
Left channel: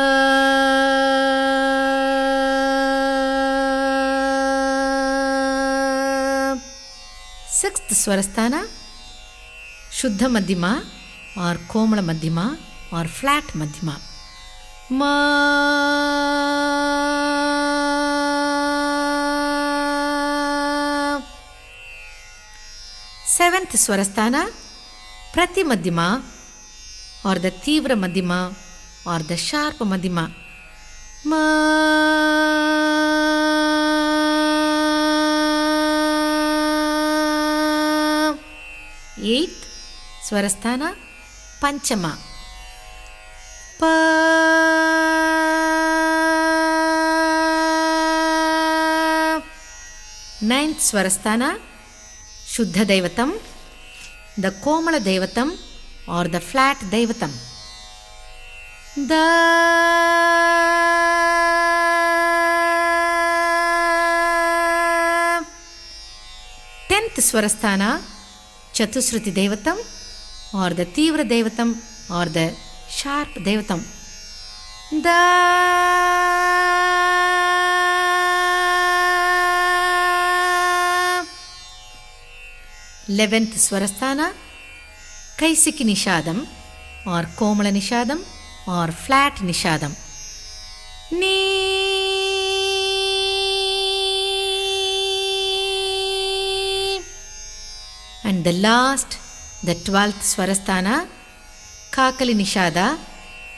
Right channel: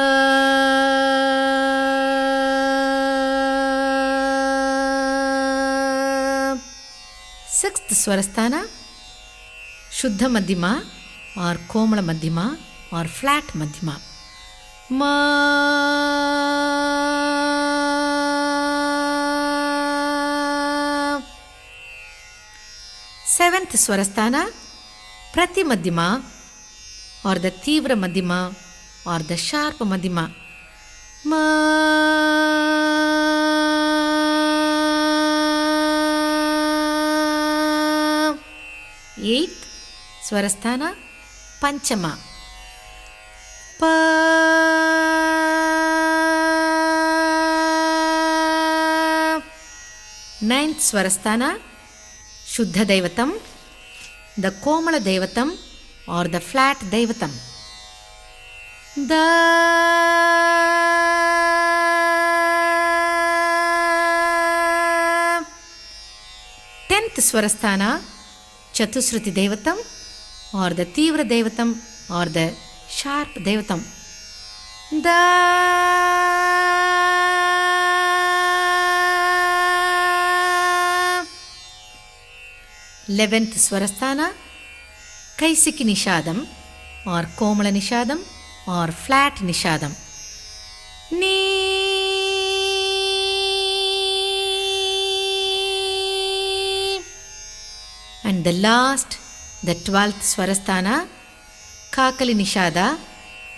Sixth Swarasthana, Shuddha Madhyama or Komala Madhyama or flat Madhyama. Ma. Seventh Swarasthana, Prati Madhyama or the Tivra Madhyama or the sharp Madhyama. Ma. Eighth Swarasthana, Panchama. Pa. Ninth Swarasthana, Shuddha Devatam, the Komala Devatam or the flat Devatam. Da. Tenth Swarasthana, Chatusruti Devatam or the Tivra Devatam or the sharp Devatam. Da. 11th Swarasthana, Kaisiki Nishadam or Komala Nishadam or flat Nishadam. Ni. And the last, the 12th Swarasthana, Kakali Nishada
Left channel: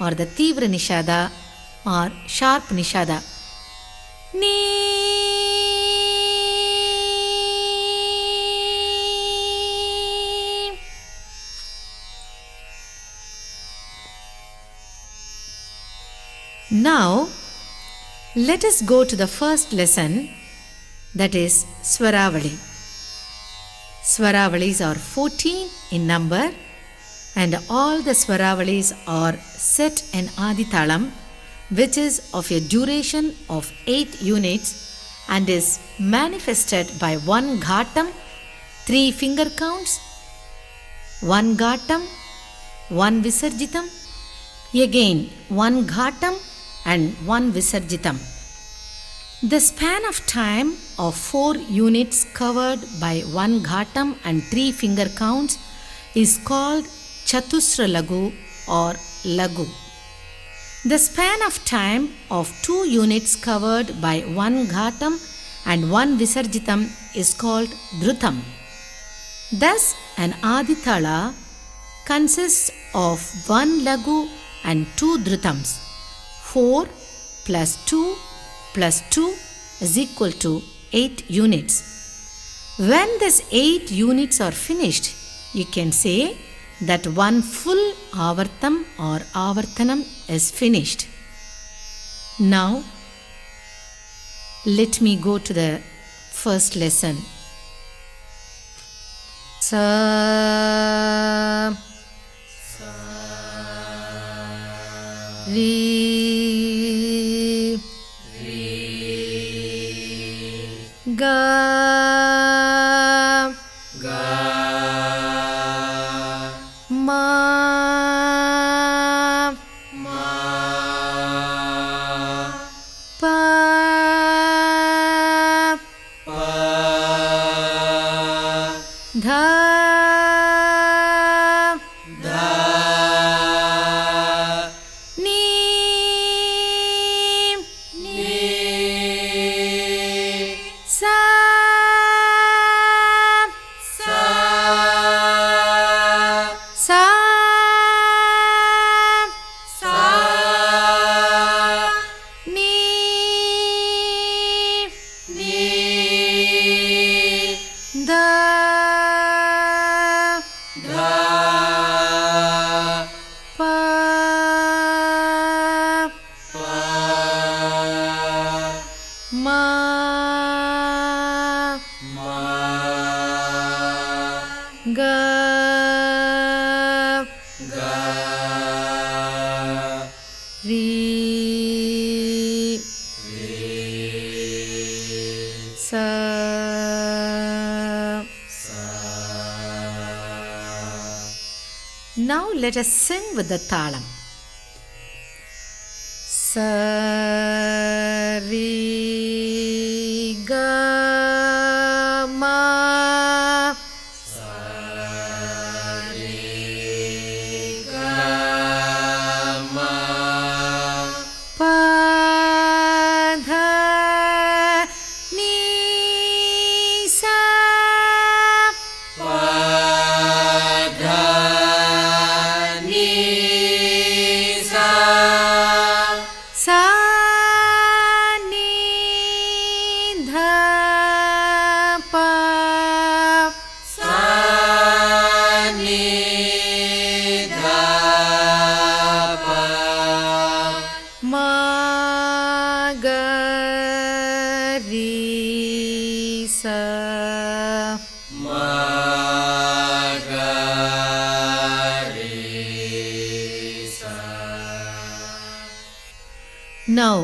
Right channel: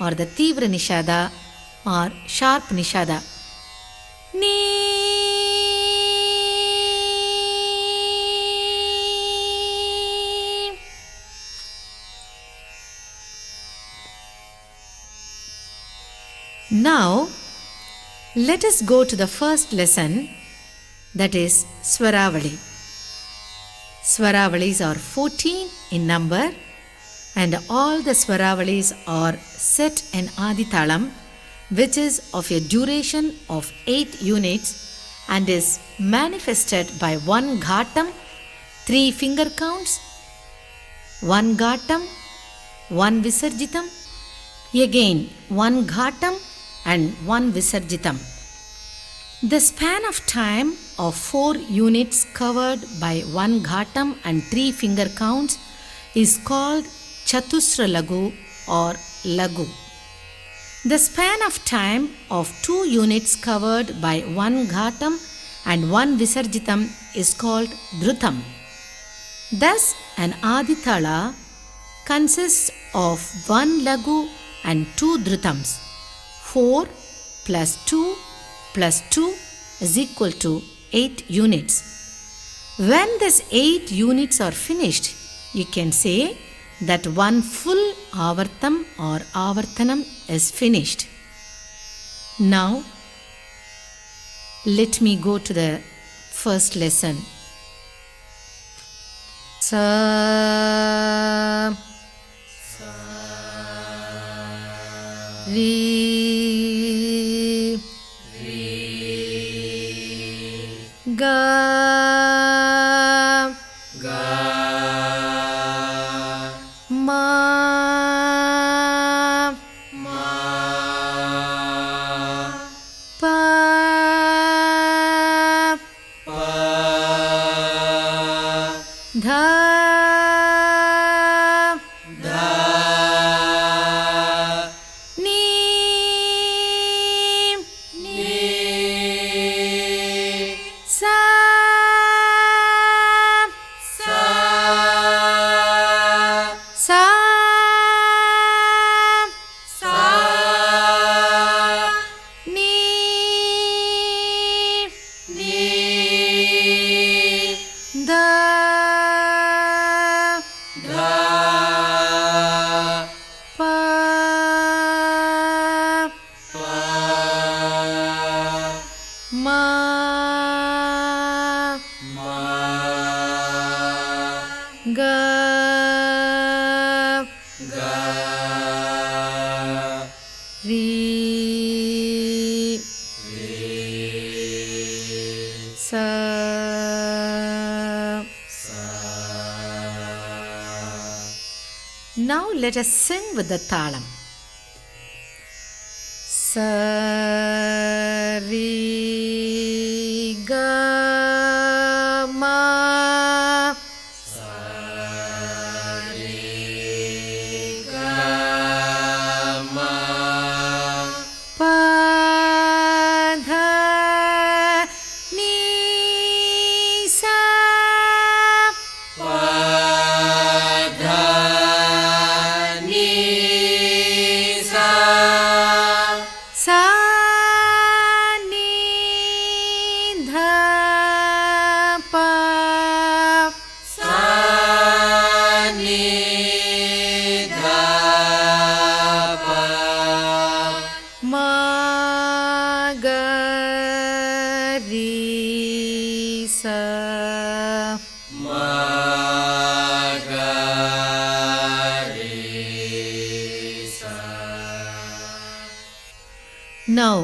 or the Tivra Nishada or sharp Nishada. Ni. Now, let us go to the first lesson, that is Swaravali. Swaravalis are 14 in number and all the Swaravalis are set in Adithalam, which is of a duration of 8 units and is manifested by 1 ghatam, 3 finger counts, 1 ghatam, 1 visarjitam, again 1 ghatam and 1 visarjitam. The span of time of 4 units covered by 1 ghatam and 3 finger counts is called Chatusra Lagu or Lagu. The span of time of 2 units covered by 1 ghatam and one Visarjitam is called Dhrutam. Thus, an Aditala consists of one Lagu and two Dhrutams. 4 plus 2 plus 2 is equal to 8 units. When these 8 units are finished, you can say that one full Avartam or Avartanam is finished. Now, let me go to the first lesson. Sa Re Ga Ma Pa Dha Ni Sa Sa Ni Da Pa Ma Ga Re Sa Now let us sing with the talam. Sa Re Ga Ma Pa Dha Ni Sa Sa Ni Dha Pa Ma Ga Re Sa Now,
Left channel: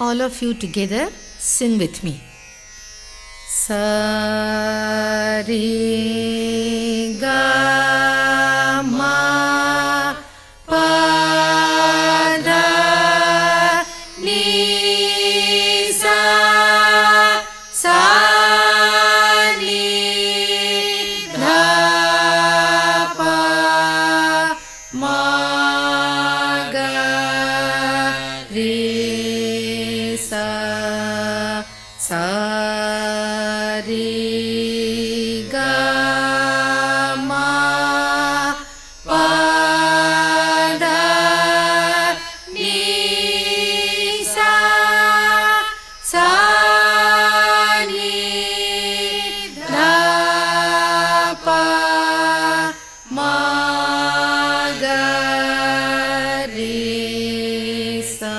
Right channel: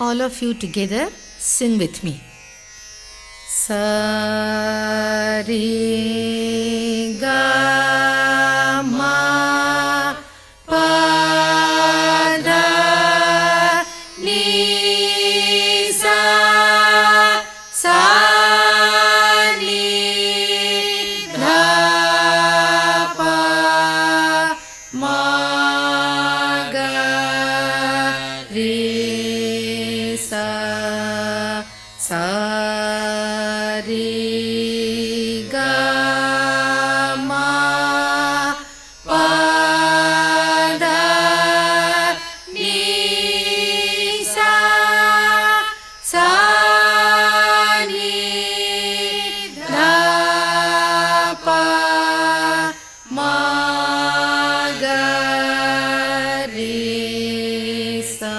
all of you together sing with me. Sa Re Ga Ma Pa Dha Ni Sa Sa Ni Dha Pa Ma Ga Re Sa Sa Re Ga Ma Pa Dha Ni Sa Sa Ni Dha Pa Ma Ga Re Sa.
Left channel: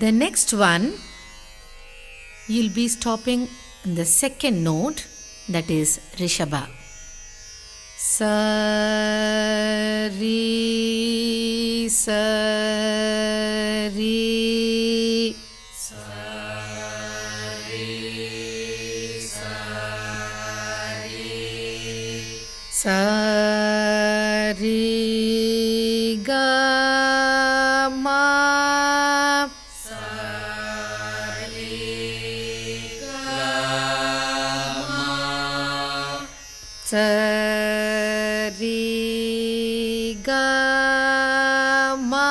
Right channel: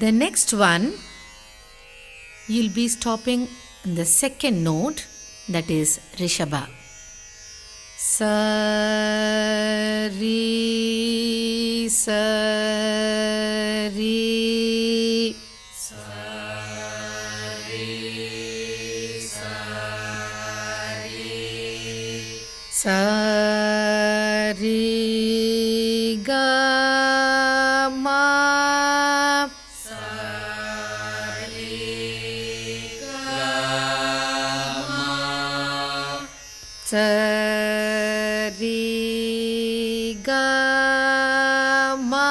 The next one, you'll be stopping in the second note, that is Rishabha. Sa Re Sa Re Sa Re Ga Ma Sa Re Ga Ma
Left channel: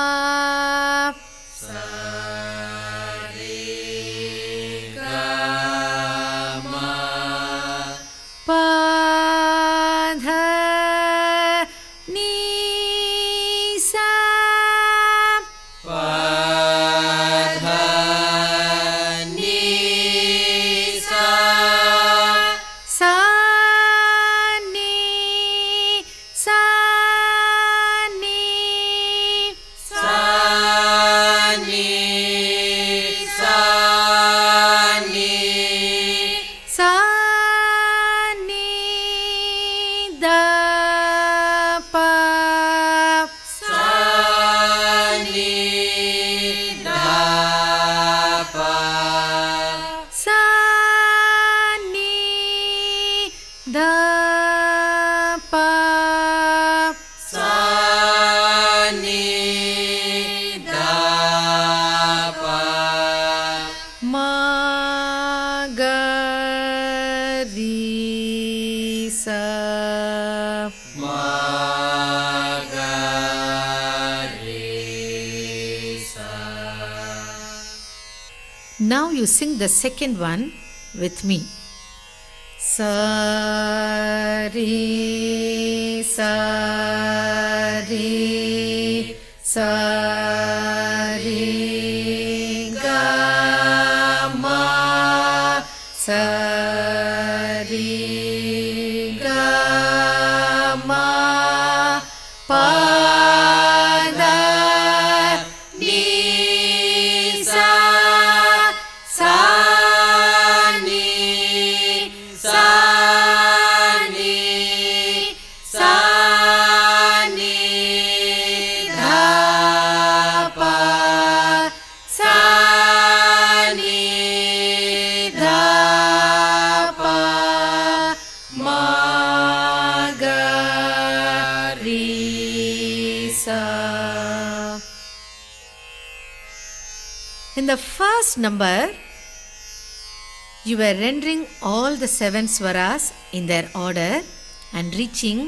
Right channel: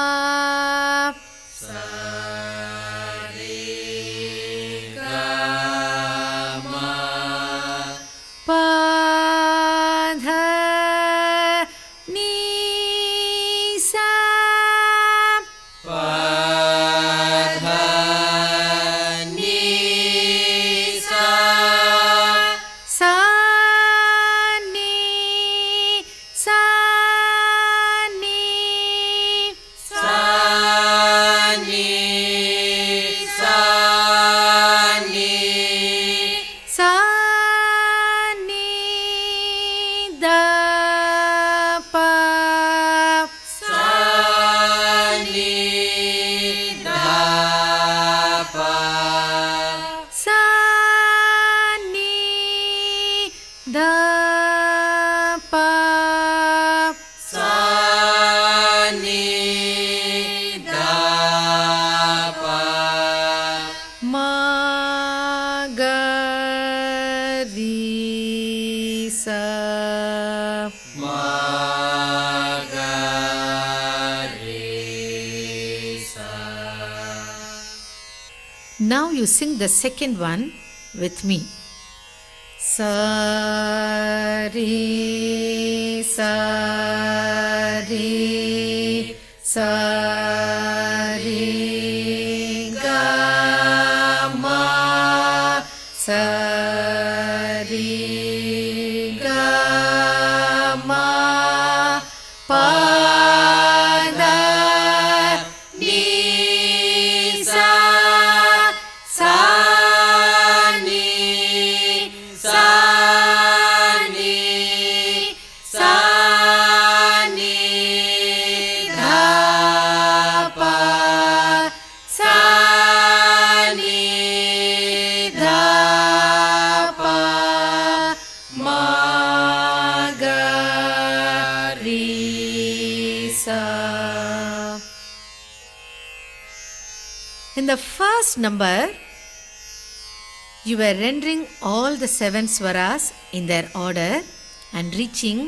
you sing the second one with me. Sa re sa re sa re ga ma sa re ga ma pa da ni sa sa ni sa ni sa ni da pa sa ni da pa ma ga re sa. In the first number, you were rendering all the 7 swaras in their order and reaching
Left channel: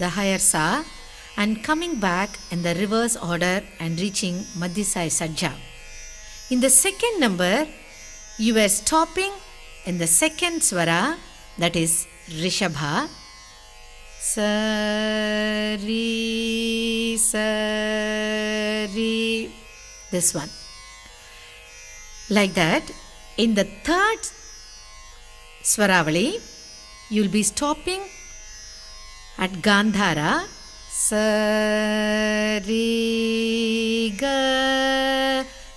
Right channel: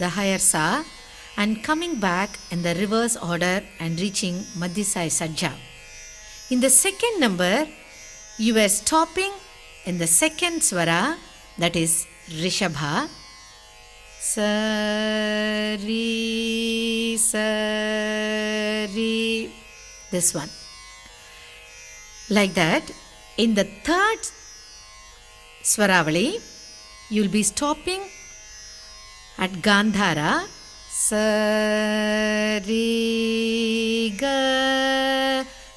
the higher sa and coming back in the reverse order and reaching Madhyasai Sajja. In the second number, you were stopping in the second swara, that is Rishabha. Sa ri sa ri, this one. Like that, in the third Swaravali, you will be stopping at Gandhara. Sa ri ga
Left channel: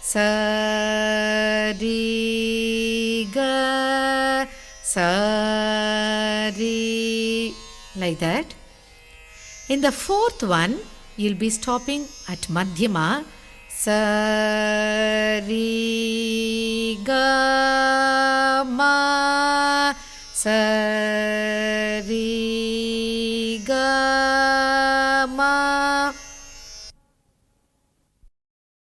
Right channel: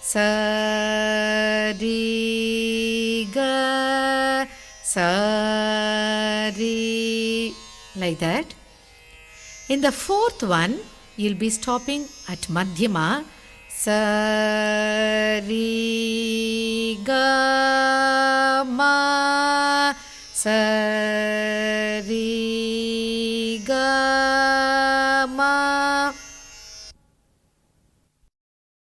sa ri ga sa ri, like that. In the fourth one, you will be stopping at Madhyama. Sa ri